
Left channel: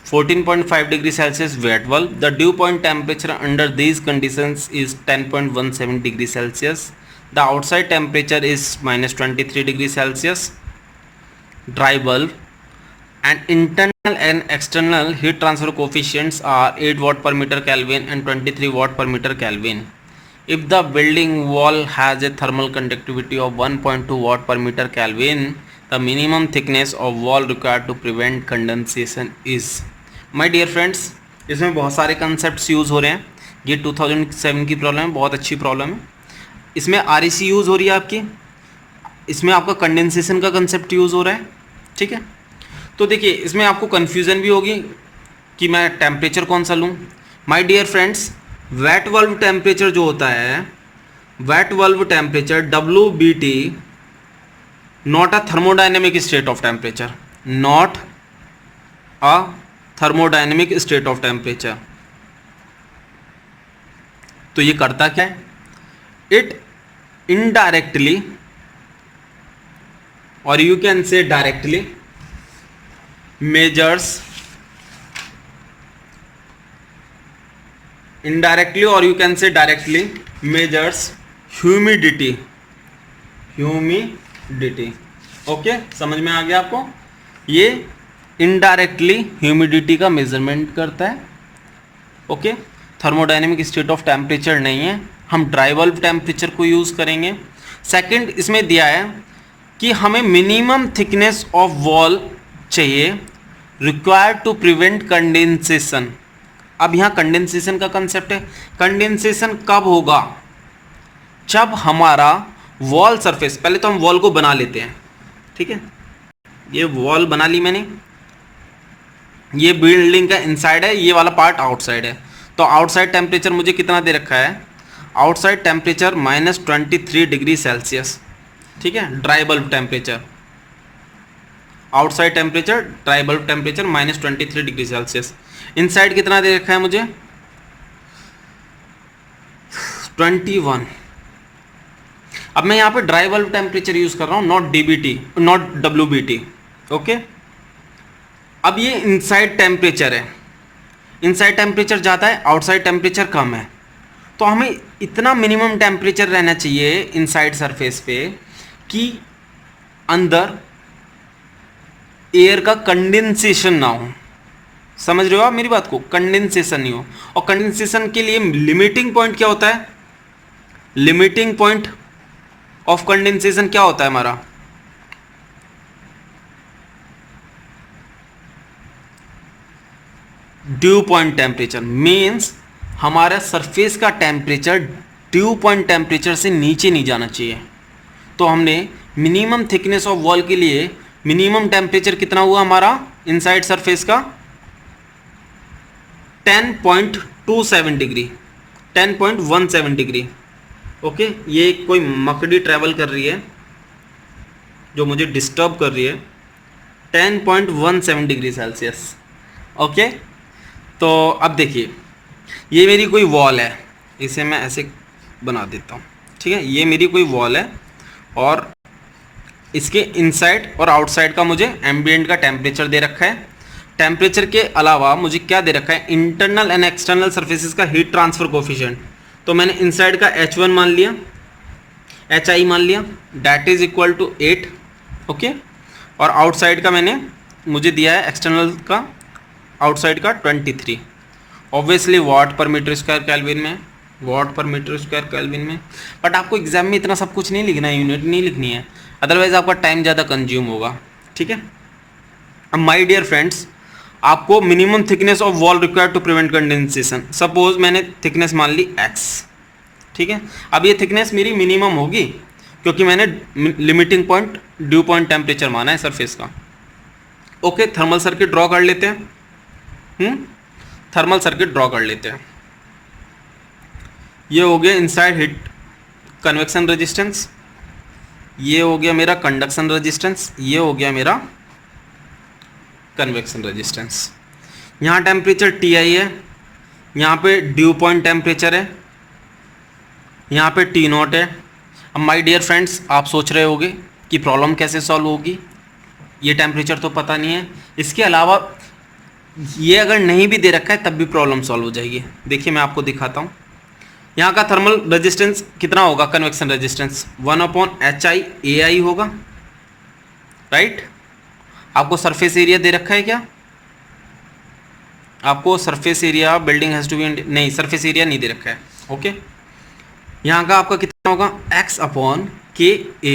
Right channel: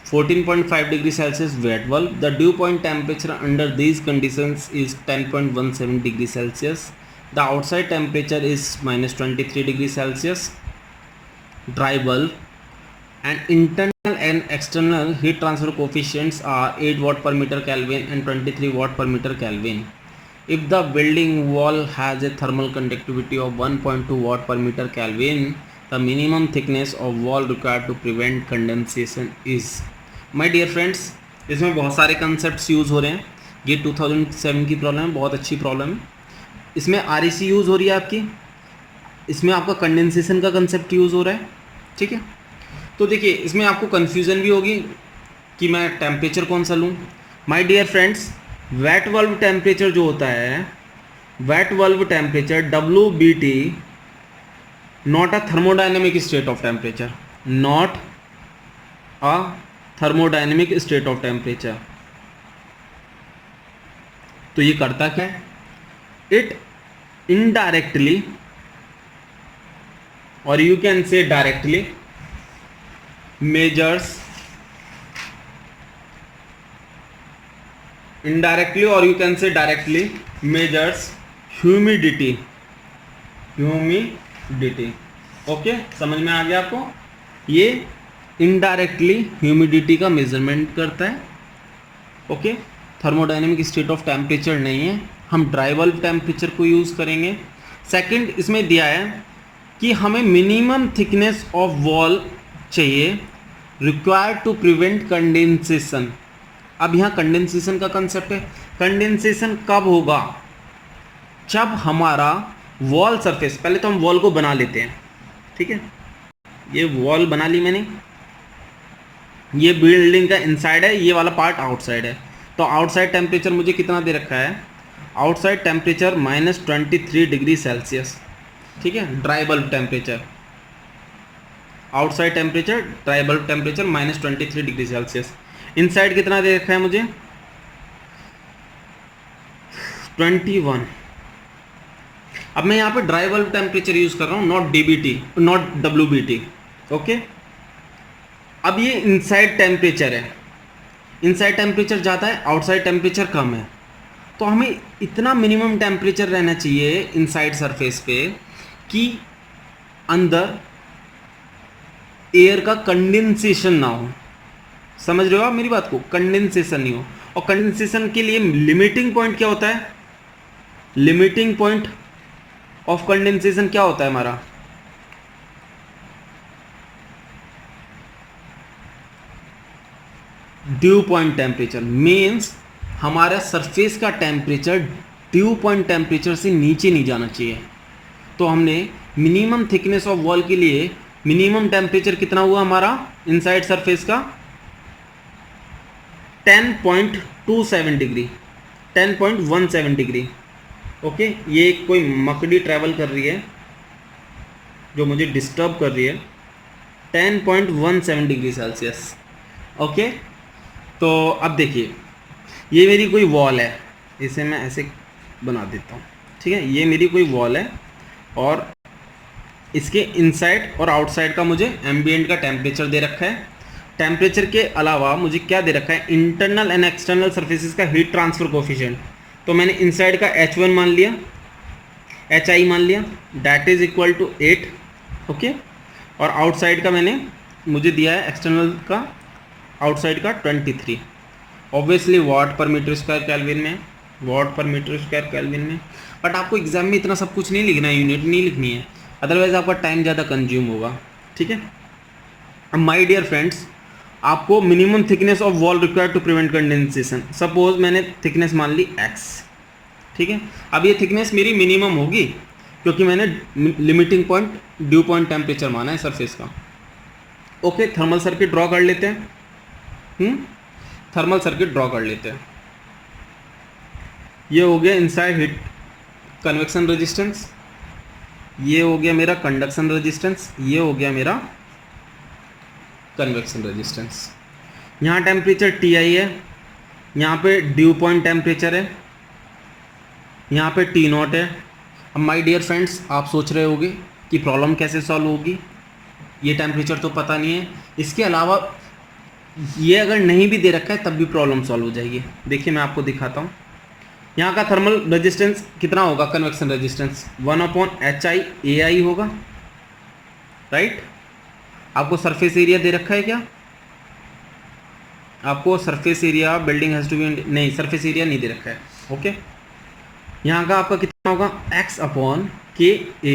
14.5 degree Celsius wet bulb. The dew point temperature under these conditions is 10.17 degree Celsius. The outside temperature is -23 degree Celsius. Dry bulb, and internal and external heat transfer coefficients are 8 watt per meter Kelvin and 23 watt per meter Kelvin. If the building wall has a thermal conductivity of 1.2 watt per meter Kelvin, the minimum thickness of wall required to prevent condensation is. My dear friends, इसमें बहुत सारे concepts use हो रहे हैं। ये 2007 की problem है, बहुत अच्छी प्रॉब्लम है। इसमें REC यूज़ हो रही है आपकी, इसमें आपका कंडेंसेशन का कंसेप्ट यूज़ हो रहा है, ठीक है। तो देखिए, इसमें आपको कन्फ्यूज़न भी होगी कि मैं टेम्परेचर कौन सा लूँ। माय डियर फ्रेंड्स, वेट वाल्व टेम्परेचर जो होता है, वेट वाल्व temperature WBT, not a thermodynamic state of temperature, not a thermodynamic state of temperature. तो ये करता क्या है? इट इनडायरेक्टली, और you can say directly, measures, indirectly और you can say directly measures humidity, okay. समझ में आ गया आपको? ये इनडायरेक्टली ह्यूमिडिटी का मेजरमेंट करता है, okay. Thermodynamic state of temperature नहीं है, हम ड्राई बल्ब टेम्परेचर को यूज़ करेंगे। सेकंड, इसमें दिया है कि हमें मिनिमम थिकनेस ऑफ वॉल चाहिए रिक्वायर्ड टू प्रिवेंट कंडेंसेशन। अब यहाँ कंडेंसेशन का कंसेप्ट है। कंडेंसेशन कब होगा? जब हमारा वॉल सरफेस, पहले तो हम वॉल को बना लेते हैं, ठीक है। ये वॉल बना ली मैंने, ये बिल्डिंग का इनसाइड है, ये वाला पार्ट आउटसाइड है। तो आउटसाइड टेम्परेचर मुझे कितना दे रखा है? आउटसाइड टेम्परेचर -23 डिग्री सेल्सियस, ठीक है। Dry bulb temperature, outside temperature, dry bulb temperature -23 degree Celsius. Inside कितना दे रखा है मुझे? 21। अब मैं यहाँ पे ड्राई बल्ब टेम्परेचर यूज़ कर रहा हूँ, नॉट WBT, ओके। अब ये इनसाइड टेम्परेचर है, इनसाइड टेम्परेचर ज़्यादा है, आउटसाइड टेम्परेचर कम है। तो हमें इतना मिनिमम टेम्परेचर रहना चाहिए इनसाइड सरफेस पे कि अंदर एयर का कंडेंसेशन ना हो, समझ रहे हो आप मेरी बात को, कंडेंसेशन नहीं हो। और कंडेंसेशन के लिए लिमिटिंग पॉइंट क्या होता है, लिमिटिंग पॉइंट ऑफ कंडेंसेशन क्या होता है हमारा, ड्यू पॉइंट टेम्परेचर। मीन्स हमारा सरफेस का टेम्परेचर ड्यू पॉइंट टेम्परेचर से नीचे नहीं जाना चाहिए। तो हमने मिनिमम थिकनेस ऑफ वॉल के लिए मिनिमम टेम्परेचर कितना हुआ हमारा इनसाइड सरफेस का, 10.27 डिग्री, 10.17 डिग्री। ओके, ये कोई मकड़ी ट्रैवल कर रही है जो मुझे डिस्टर्ब कर रही है, 10.17 डिग्री सेल्सियस। ओके, तो अब देखिए ये मेरी कोई वॉल है, इसे मैं ऐसे बना देता हूँ, ठीक है। ये मेरी कोई वॉल है और इसके इनसाइड और आउटसाइड का मुझे एम्बिएंट का टेम्परेचर दे रखा है। टेम्परेचर के अलावा मुझे क्या दे रखा है, इंटरनल एंड एक्सटर्नल सर्फेसिस का हीट ट्रांसफर कोफिशिएंट। तो मैंने इनसाइड का H1 मान लिया, HI मान लिया, that is equal to 8। Okay, और आउटसाइड का मुझे दिया है एक्सटर्नल का, आउटसाइड का 23। ऑब्वियसली वाट पर मीटर स्क्वायर केल्विन में, वाट पर मीटर स्क्वायर केल्विन में। बट आपको एग्जाम में इतना सब कुछ नहीं लिखना है, यूनिट नहीं लिखनी है, अदरवाइज आपका टाइम ज़्यादा कंज्यूम होगा, ठीक है। अब माय डियर फ्रेंड्स, आपको minimum thickness of wall required to prevent condensation, suppose मैंने थिकनेस मान ली x, ठीक है। अब ये थिकनेस मेरी मिनिमम होगी क्योंकि मैंने limiting point due point temperature माना है सरफेस का। ओके, थर्मल सर्किट ड्रॉ कर लेते हैं। थर्मल सर्किट ड्रॉ कर लेते हैं। ये हो गया इनसाइड हीट कन्वेक्शन रेजिस्टेंस, ये हो गया मेरा कंडक्शन रेजिस्टेंस, ये हो गया मेरा कन्वेक्शन रेजिस्टेंस। यहाँ टेम्परेचर Ti है, यहाँ पे ड्यू पॉइंट टेम्परेचर है, यहाँ पे T0 है। अब माय डियर फ्रेंड्स, आप सोच रहे होंगे कि प्रॉब्लम कैसे सॉल्व होगी, ये टेम्परेचर तो पता नहीं है, इसके अलावा ये अगर नहीं भी दे रखा है तब भी प्रॉब्लम सॉल्व हो जाएगी। देखिए मैं आपको दिखाता हूँ। यहाँ का थर्मल रेजिस्टेंस कितना होगा, कन्वेक्शन रेजिस्टेंस 1/HI AI होगा, राइट। आपको सरफेस एरिया दे रखा है क्या, आपको surface area building has to be, नहीं सरफेस एरिया नहीं दे रखा है। ओके, यहाँ का आपका कितना होगा x/KA।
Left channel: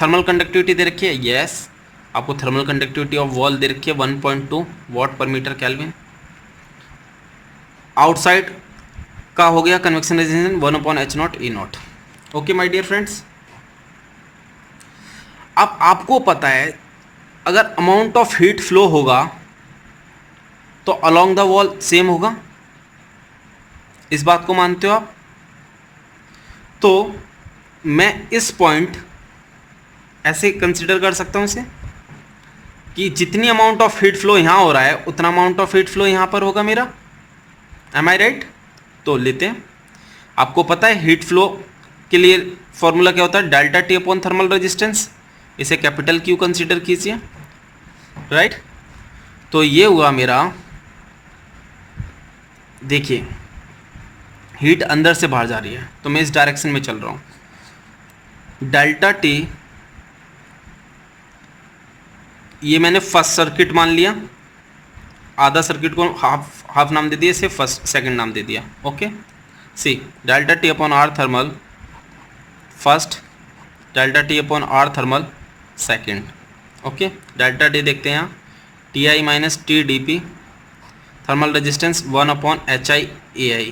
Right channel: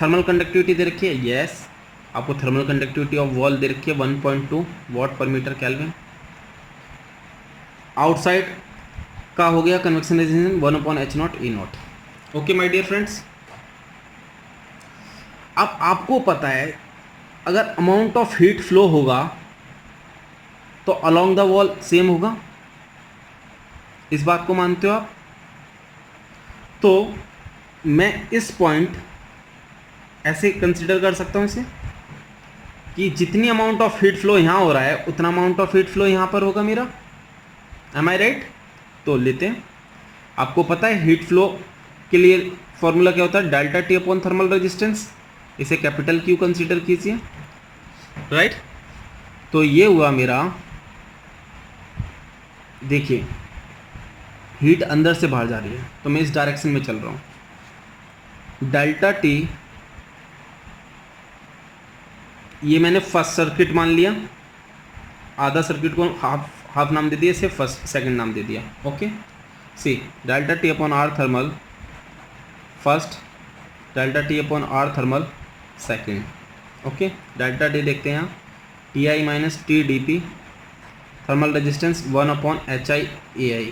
थर्मल कंडक्टिविटी दे रखी है, यस। आपको थर्मल कंडक्टिविटी ऑफ वॉल दे रखी है 1.2 वाट पर मीटर केल्विन। आउटसाइड का हो गया convection resistance 1/H0 E0। Okay my dear friends, अब आपको पता है अगर अमाउंट ऑफ हीट फ्लो होगा तो अलोंग द वॉल सेम होगा, इस बात को मानते हो आप। तो मैं इस पॉइंट ऐसे कंसिडर कर सकता हूं इसे कि जितनी अमाउंट ऑफ हीट फ्लो यहाँ हो रहा है उतना अमाउंट ऑफ हीट फ्लो यहाँ पर होगा मेरा, एम आई राइट। तो लेते हैं, आपको पता है हीट फ्लो के लिए फॉर्मूला क्या होता है, delta T upon thermal resistance, इसे कैपिटल Q कंसीडर कीजिए, राइट। तो ये हुआ मेरा, देखिए हीट अंदर से बाहर जा रही है तो मैं इस डायरेक्शन में चल रहा हूँ। डेल्टा T, ये मैंने फर्स्ट सर्किट मान लिया, आधा सर्किट को हाफ नाम दे दिया, इसे फर्स्ट सेकंड नाम दे दिया। Okay, see delta T upon R thermal first, delta T upon R thermal second. Okay, delta T देखते हैं यहाँ, Ti minus TdP, thermal resistance 1/HI AI।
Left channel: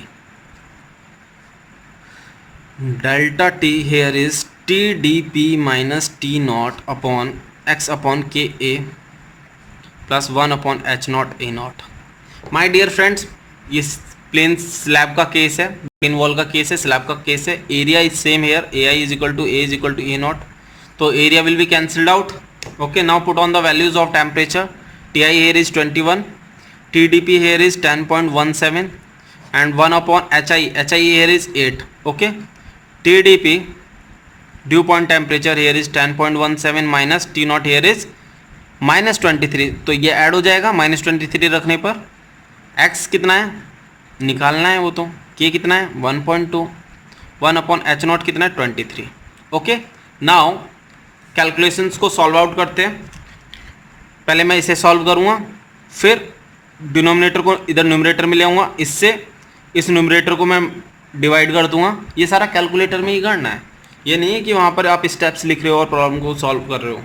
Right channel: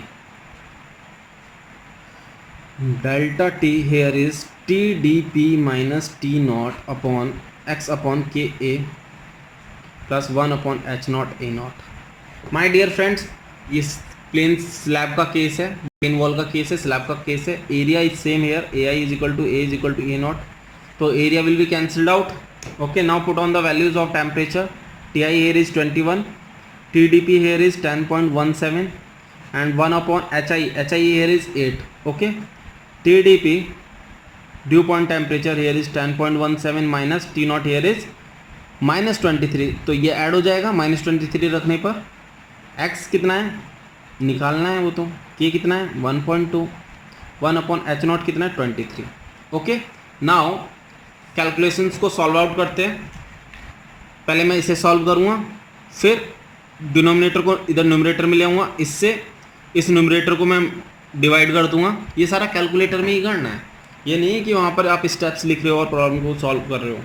Delta T here is TdP minus T0 upon x/KA plus 1/H0 A0। My dear friends, ये plane slab का case है, plane wall का case है, slab का case है। Area is same here, AI is equal to A is equal to A0, तो area will be cancelled out. Okay, now put on the values of temperature. Ti here is 21, TdP here is 10.17 and 1/HI, HI here is 8. Okay, TdP due point temperature here is 10.17 minus T0 here is -23, तो ये add हो जाएगा -23 रखने पर। x कितना है निकालना है, वो तो k कितना है 1.2, 1/H0 कितना है 23। ओके, नाउ कैलकुलेशंस को सॉल्व आउट करते हैं। पहले मैं इसे सॉल्व करूँगा, फिर डिनोमिनेटर को इधर न्यूमरेटर में ले आऊँगा, इससे इस न्यूमरेटर को मैं डिवाइड कर दूंगा। ये सारा कैलकुलेटर में ही करना है, ये नहीं है कि वहाँ पर आप स्टेप्स लिख रहे हो और प्रॉब्लम को सॉल्व कर रहे हो।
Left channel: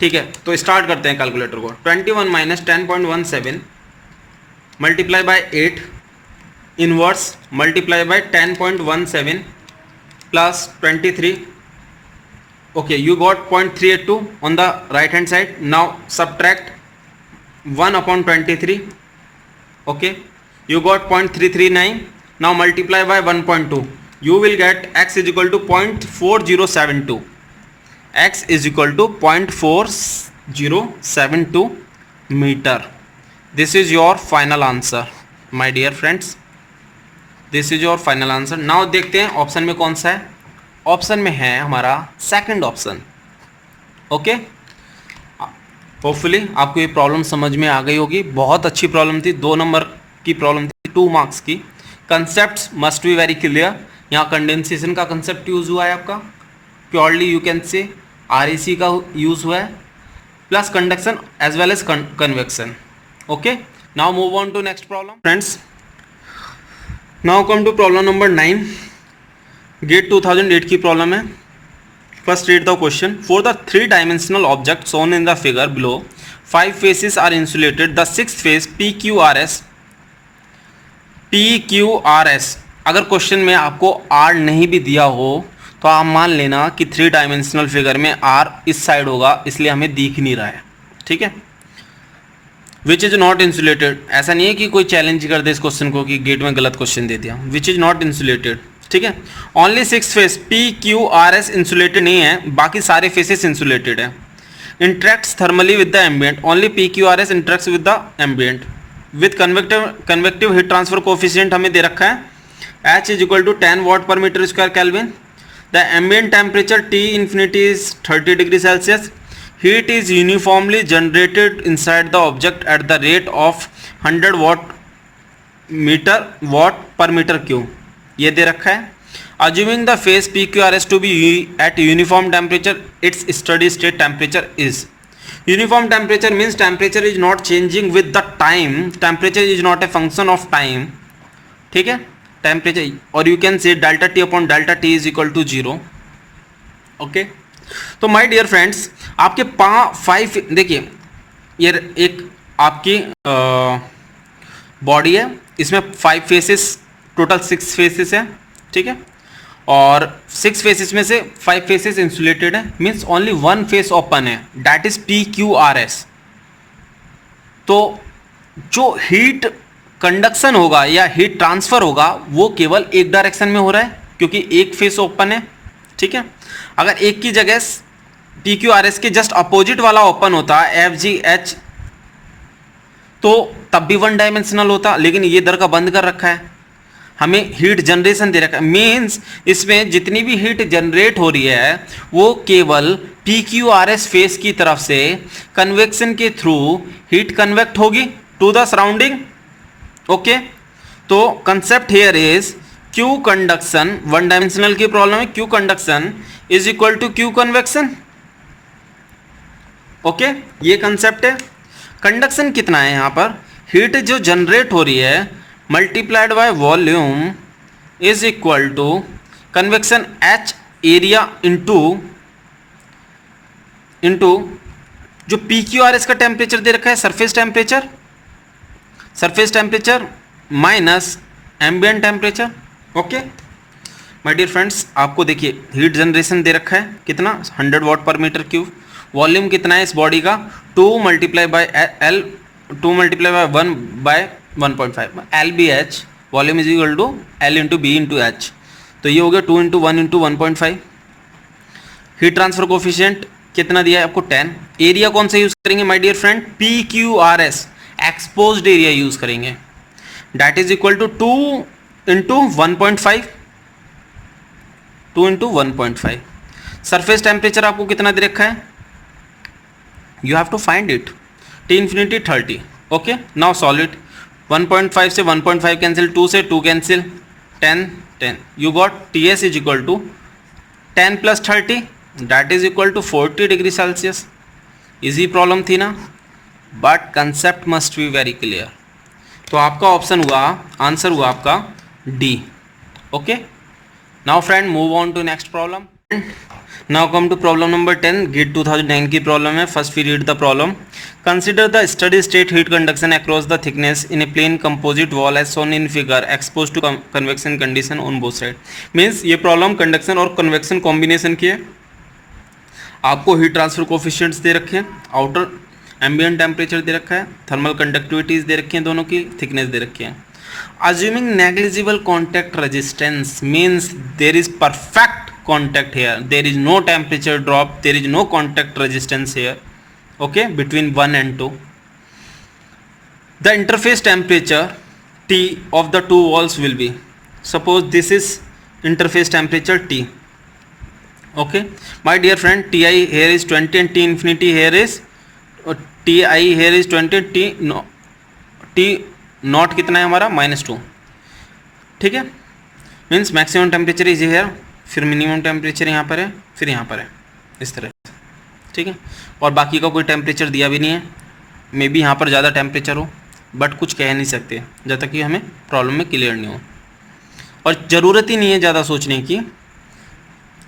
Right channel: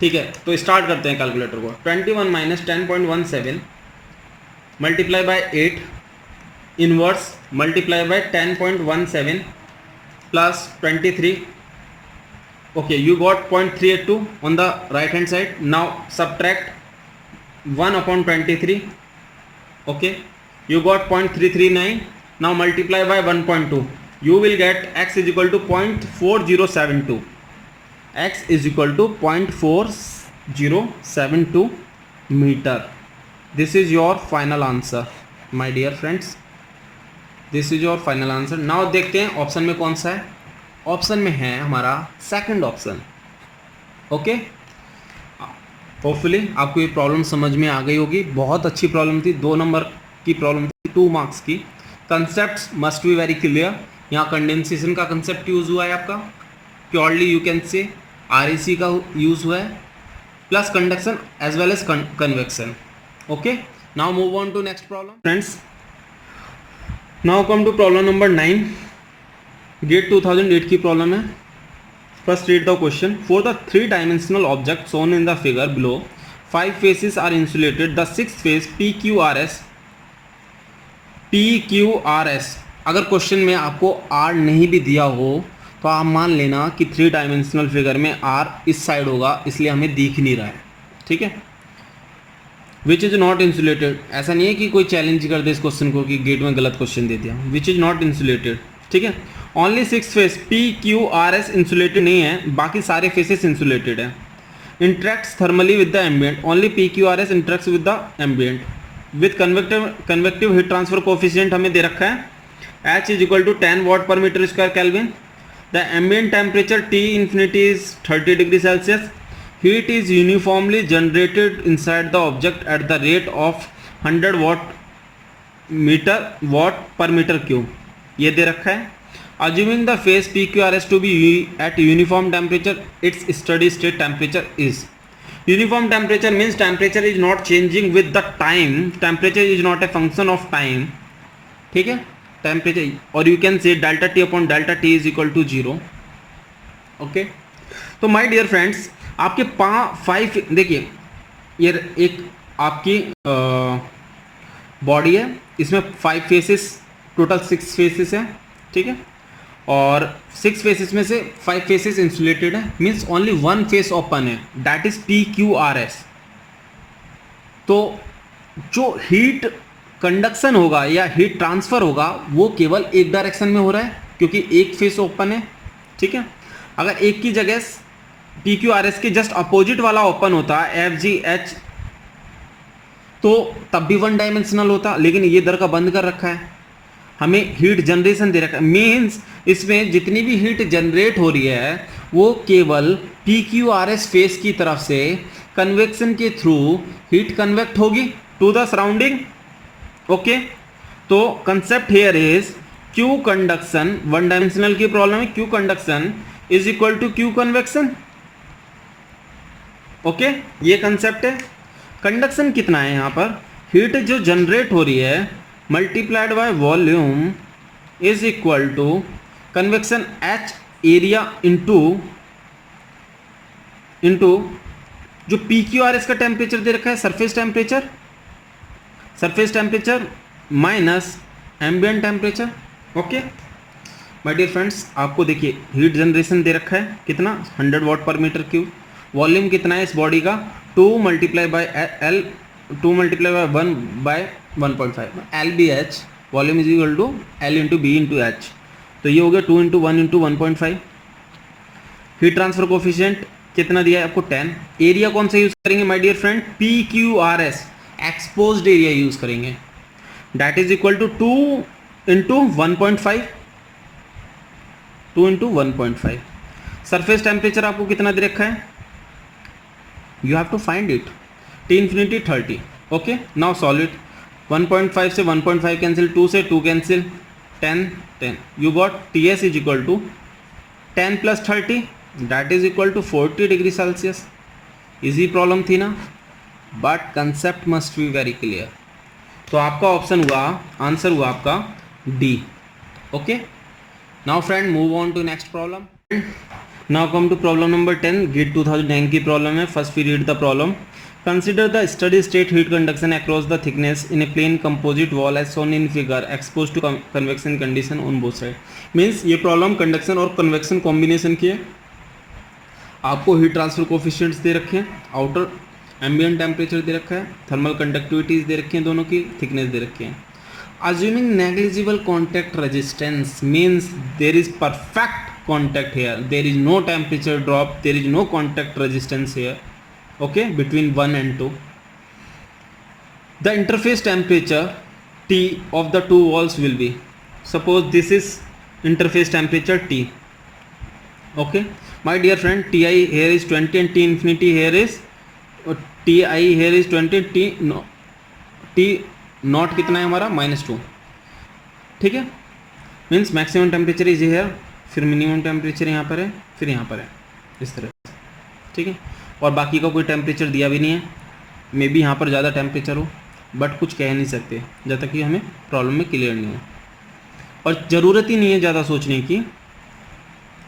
ठीक है, तो स्टार्ट करते हैं कैलकुलेटर को। 21 minus 10.17 multiply by 8 inverse multiply by 10.17 plus 23। okay, you got 0.382 on the right hand side. Now subtract 1 upon 23. okay, you got 0.339. now multiply by 1.2. you will get x is equal to 0.4072. x is equal to 0.4072 meter. This is your final answer my dear friends. This is your final answer. now देखते हैं option में कौन सा है। Option में है हमारा second option. Okay, hopefully आपको ये प्रॉब्लम समझ में आ गई होगी। बहुत अच्छी प्रॉब्लम थी, 2 नंबर की प्रॉब्लम थी, 2 मार्क्स की। Concepts must be very clear. यहाँ कंडेंसेशन का कंसेप्ट यूज़ हुआ है आपका, purely you can say RAC का यूज़ हुआ है, plus conduction as well as convection. Okay, now move on to next problem friends. Now come to problem number 9। GATE 2008 की problem है। First read the question. For the 3 dimensional object shown in the figure below 5 faces are insulated. The 6th face PQRS। अगर question में आपको R नहीं भी दिया हो तो आप मान लेना कि 3 डायमेंशनल फिगर में R इस साइड होगा, इसलिए हमें दिख नहीं रहा है। ठीक है, विच इज नॉट इंसुलेटेड। ऐसा नहीं है कि कोई चैलेंज कर दे इस क्वेश्चन को कि गेट में गलत क्वेश्चन दे दिया। विच इज नॉट इंसुलेटेड, ठीक है। ओनली 6 फेस PQRS इंसुलेटेड नहीं है, बाकी सारे फेसेस इंसुलेटेड है। Interacts thermally with the ambient. Only PQRS interacts with the ambient with convective heat transfer coefficient हमें दे रखा है H is equal to 10 watt per metre square kelvin. The ambient temperature T infinity is 30 degree Celsius. Heat is uniformly generated inside the object at the rate of 100 watt per metre cube, ये दे रखा है। Assuming the phase PQRS to be at uniform temperature, its steady state temperature is। Uniform temperature means temperature is not changing with the time. Temperature is not a function of time. ठीक है, temperature, और you can say delta T upon delta T is equal to 0. Okay, तो my dear friends, आपके 5 देखिए, ये एक आपकी body है, इसमें 5 फेसेस, टोटल 6 फेसेस है। ठीक है, और 6 फेसेस में से 5 फेसेस इंसुलेटेड है, मीन्स ओनली 1 फेस ओपन है, दैट इज PQRS। तो जो हीट कंडक्शन होगा या हीट ट्रांसफर होगा वो केवल एक डायरेक्शन में हो रहा है क्योंकि एक फेस ओपन है। ठीक है, अगर एक की जगह PQRS के जस्ट अपोजिट वाला ओपन होता FGH तो तब भी 1 डायमेंशनल होता, लेकिन ये इधर का बंद कर रखा है, हमें हीट जनरेशन दे रखा है। मीन्स इसमें जितनी भी हीट जनरेट हो रही है वो केवल PQRS फेस की तरफ से कन्वेक्शन के थ्रू हीट कन्वेक्ट होगी टू द सराउंडिंग। ओके, तो concept here is Q conduction, 1 dimensional की प्रॉब्लम है, Q conduction is equal to Q convection. Okay, ये कंसेप्ट है। कंडक्शन कितना है यहाँ पर, हीट जो जनरेट हो रही है multiplied by volume is equal to convection H area into जो PQRS का टेम्परेचर दे रखा है surface temperature minus ambient temperature. Okay my dear friends, आपको देखिए हीट जनरेशन दे रखा है कितना, 100 watt per metre cube. Volume कितना है इस बॉडी का, 2 multiply by 1 by 1.5 LBH। Volume is equal to L into B into H, तो ये हो गया 2 into 1 into 1.5। Heat transfer coefficient कितना दिया है आपको, 10। एरिया कौन सा यूज करेंगे my dear friend, PQRS exposed area use करेंगे, that is equal to 2 into 1.5, 2 into 1.5। Surface temperature आपको कितना दे रखा है, you have to find it, T infinity 30। Okay, now solve it. 1.5 से 1.5 कैंसिल, 2 से 2 cancel, 10 you got TS is equal to 10 plus 30 that is equal to 40 degree Celsius. Easy problem थी ना, but concept must be very clear. तो आपका option हुआ, answer हुआ आपका D. Okay, now friend move on to next problem. Now come to problem number 10, GATE 2009 की problem है। First we read the problem. Consider the steady state heat conduction across the thickness in a plane composite wall as shown in figure expose to convection condition on both side. Means ये problem conduction और convection combination की है। आपको heat transfer coefficients दे रखे हैं, outer ambient temperature दे रखा है, थर्मल कंडक्टिविटीज दे रखी हैं, दोनों की थिकनेस दे रखी है। Assuming negligible contact resistance means there is perfect contact here, there is no temperature drop, there is no contact resistance here, okay, between 1 and 2. The interface temperature T of the two walls will be, suppose this is interface temperature T, okay my dear friend, Ti here is 20 and T infinity here is Ti here is 20, T not कितना है हमारा -2, ठीक है। Means maximum temperature is here, फिर minimum temperature यहाँ पर है, फिर यहाँ पर है, इस तरह, ठीक है। और बाकी का कोई टेम्परेचर दिया भी नहीं है, मे बी यहाँ पर ज़्यादा टेम्परेचर हो, बट कुछ कह नहीं सकते जब तक कि हमें प्रॉब्लम में क्लियर नहीं हो, और ज़रूरत ही नहीं है ज़्यादा सोचने की,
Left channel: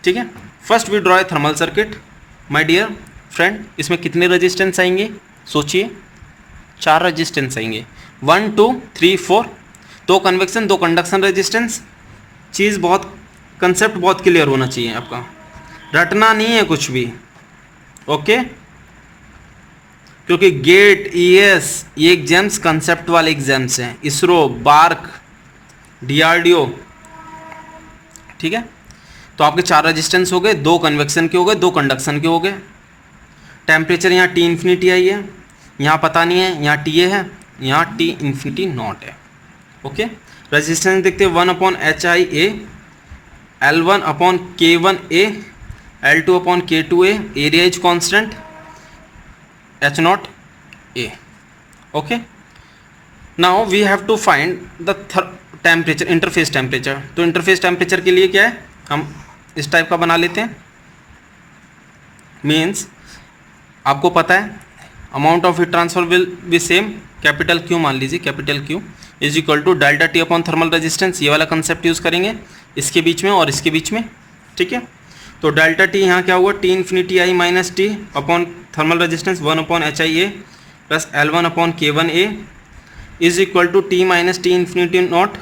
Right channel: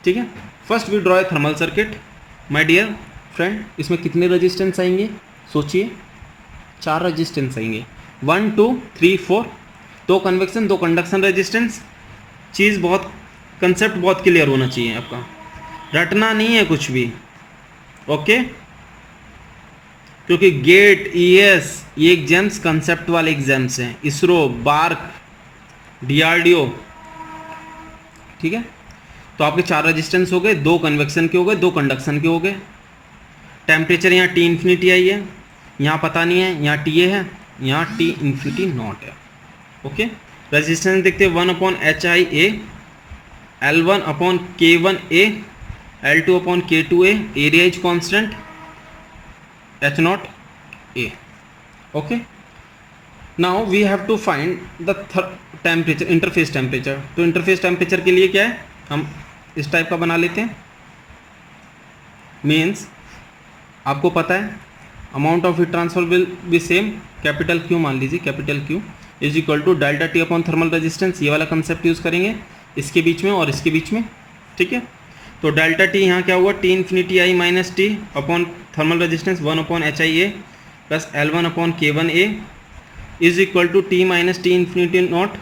ठीक है। First we draw a thermal circuit my dear friend. इसमें कितने रजिस्टेंस आएंगे सोचिए, 4 रजिस्टेंस आएंगे, 1 2 3 4, 2 कन्वेक्शन 2 कंडक्शन रेजिस्टेंस। चीज़ बहुत, कंसेप्ट बहुत क्लियर होना चाहिए आपका, रटना नहीं है कुछ भी, ओके। क्योंकि गेट ES ये एग्जाम्स कंसेप्ट वाले एग्जाम्स हैं, इसरो, बार्क, DRDO, ठीक है। तो आपके 4 रेजिस्टेंस हो गए, 2 कन्वेक्शन के हो गए, 2 कंडक्शन के हो गए। टेम्परेचर यहाँ T इन्फिनिटी आई है, यहाँ पता नहीं है, यहाँ TA है, यहाँ T इन्फिनिटी नॉट है, ओके। रेजिस्टेंस देखते हैं 1/HIA, L1/K1A, L2/K2A, area is constant, H0A, okay. Now we have to find the temperature, interface temperature. तो इंटरफेस टेम्परेचर के लिए क्या है, हम इस टाइप का बना लेते हैं। मीन्स आपको पता है amount of heat transfer will be same, capital Q मान लीजिए, capital Q is equal to delta T upon thermal resistance. ये वाला कंसेप्ट यूज़ करेंगे इसके बीच में और इसके बीच में, ठीक है। तो डेल्टा T यहाँ क्या हुआ, T infinity I minus T upon thermal resistance 1/HIA plus L1/K1A is equal to T minus T infinity not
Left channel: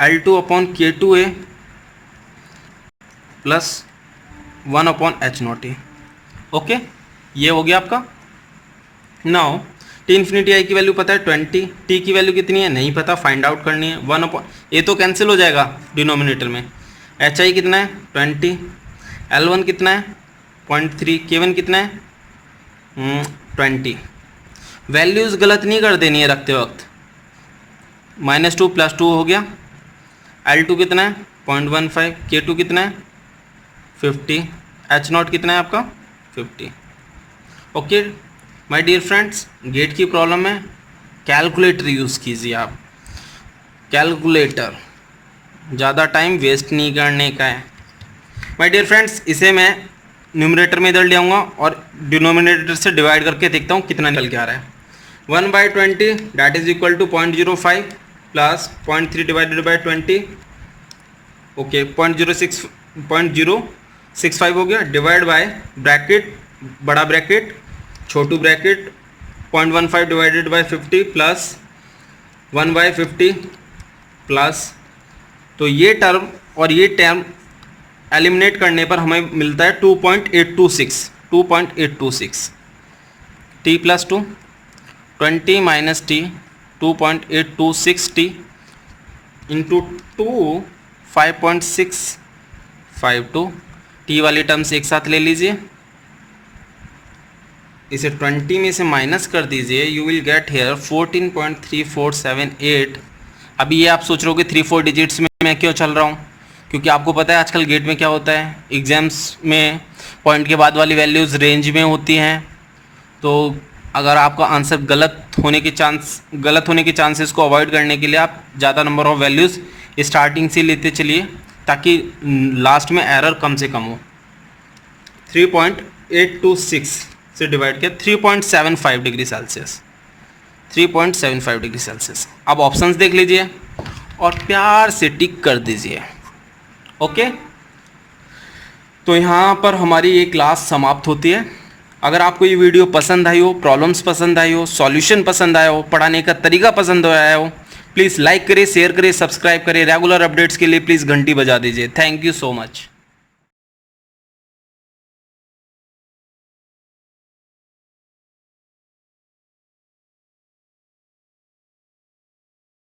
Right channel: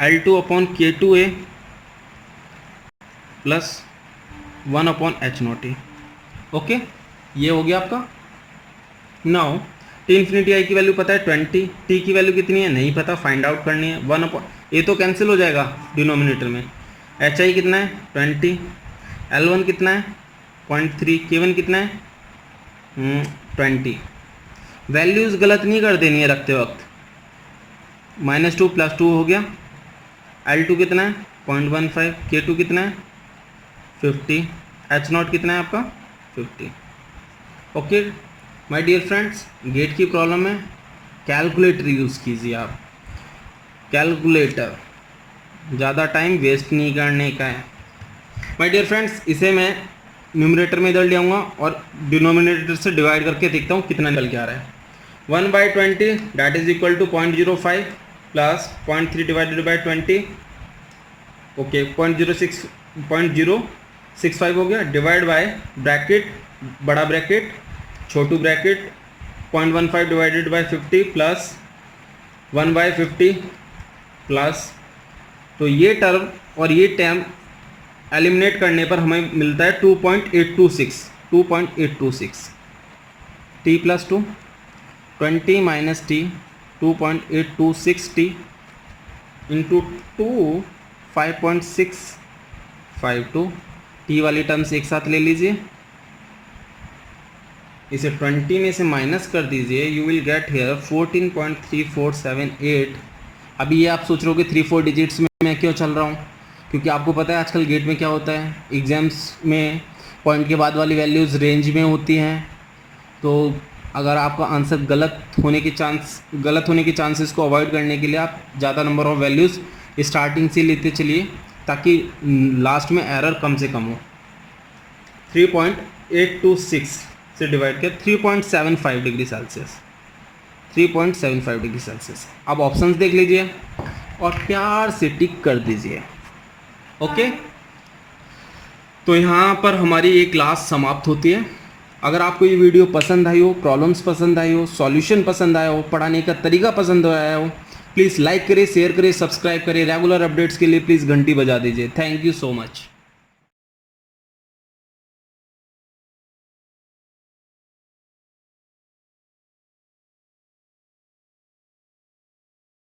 L2/K2A plus 1/H0A, okay. ये हो गया आपका। नाउ T इन्फिनिटी आई की वैल्यू पता है 20, T की वैल्यू कितनी है नहीं पता, फाइंड आउट करनी है। 1 ये तो कैंसिल हो जाएगा डिनोमिनेटर में। HI कितना है 20, L1 कितना है 0.3, K1 कितना है 20। वैल्यूज़ गलत नहीं कर देनी है रखते वक्त, -2 + 2 हो गया। L2 कितना है 0.15, K2 कितना है 50, H0 कितना है आपका 50, okay my dear friends. GATE की प्रॉब्लम में कैलकुलेटर यूज़ कीजिए आप, कैलकुलेटर, ज़्यादा टाइम वेस्ट नहीं करने का है माय डियर फ्रेंड्स। इसे मैं न्यूमरेटर में इधर ले आऊँगा और डिनोमिनेटर से डिवाइड करके देखता हूँ कितना निकल के आ रहा है। 1/20 that is equal to 0.05 plus 0.3 divided by 20, okay 0.065 हो गया, डिवाइड बाय ब्रैकेट, बड़ा ब्रैकेट छोटू bracket 0.15 divided by 50 plus 1/50 plus, तो ये टर्म और ये टर्म एलिमिनेट करने पर हमें मिलता है 2.826 T plus 2 20 minus T 2.826 T into 2 5.652, T वाली टर्म्स एक साथ ले लीजिए, इसे 20 में से माइनस कर दीजिए, यू विल गेट हेयर 14.3478। अभी ये आप सोच रहे हो कि 3-4 डिजिट्स में मैं क्यों चल रहा हूँ, क्योंकि आपको पता है आजकल गेट में क्या होता है, एग्जाम्स में पॉइंट के बाद वाली वैल्यूज़ रेंज में होती हैं। तो अगर आपका आंसर गलत होने के चांसेस को अवॉइड करने के लिए आप ज़्यादा नंबर ऑफ वैल्यूज़ स्टार्टिंग से लेते चलिए, ताकि लास्ट में एरर कम से कम हो। 3.826 से डिवाइड किया 3.75 डिग्री सेल्सियस, 3.75 डिग्री सेल्सियस। अब ऑप्शंस देख लीजिए और प्यार से टिक कर दीजिए। ओके, तो यहाँ पर ये ये क्लास समाप्त होती है। अगर आपको ये वीडियो पसंद आई हो, प्रॉब्लम्स पसंद आई हो, सॉल्यूशन पसंद आया हो, पढ़ाने का तरीका पसंद आया हो, प्लीज़ लाइक करिए, शेयर करिए, सब्सक्राइब करिए। रेगुलर अपडेट्स के लिए प्लीज़ घंटी बजा दीजिए। Thank you so much.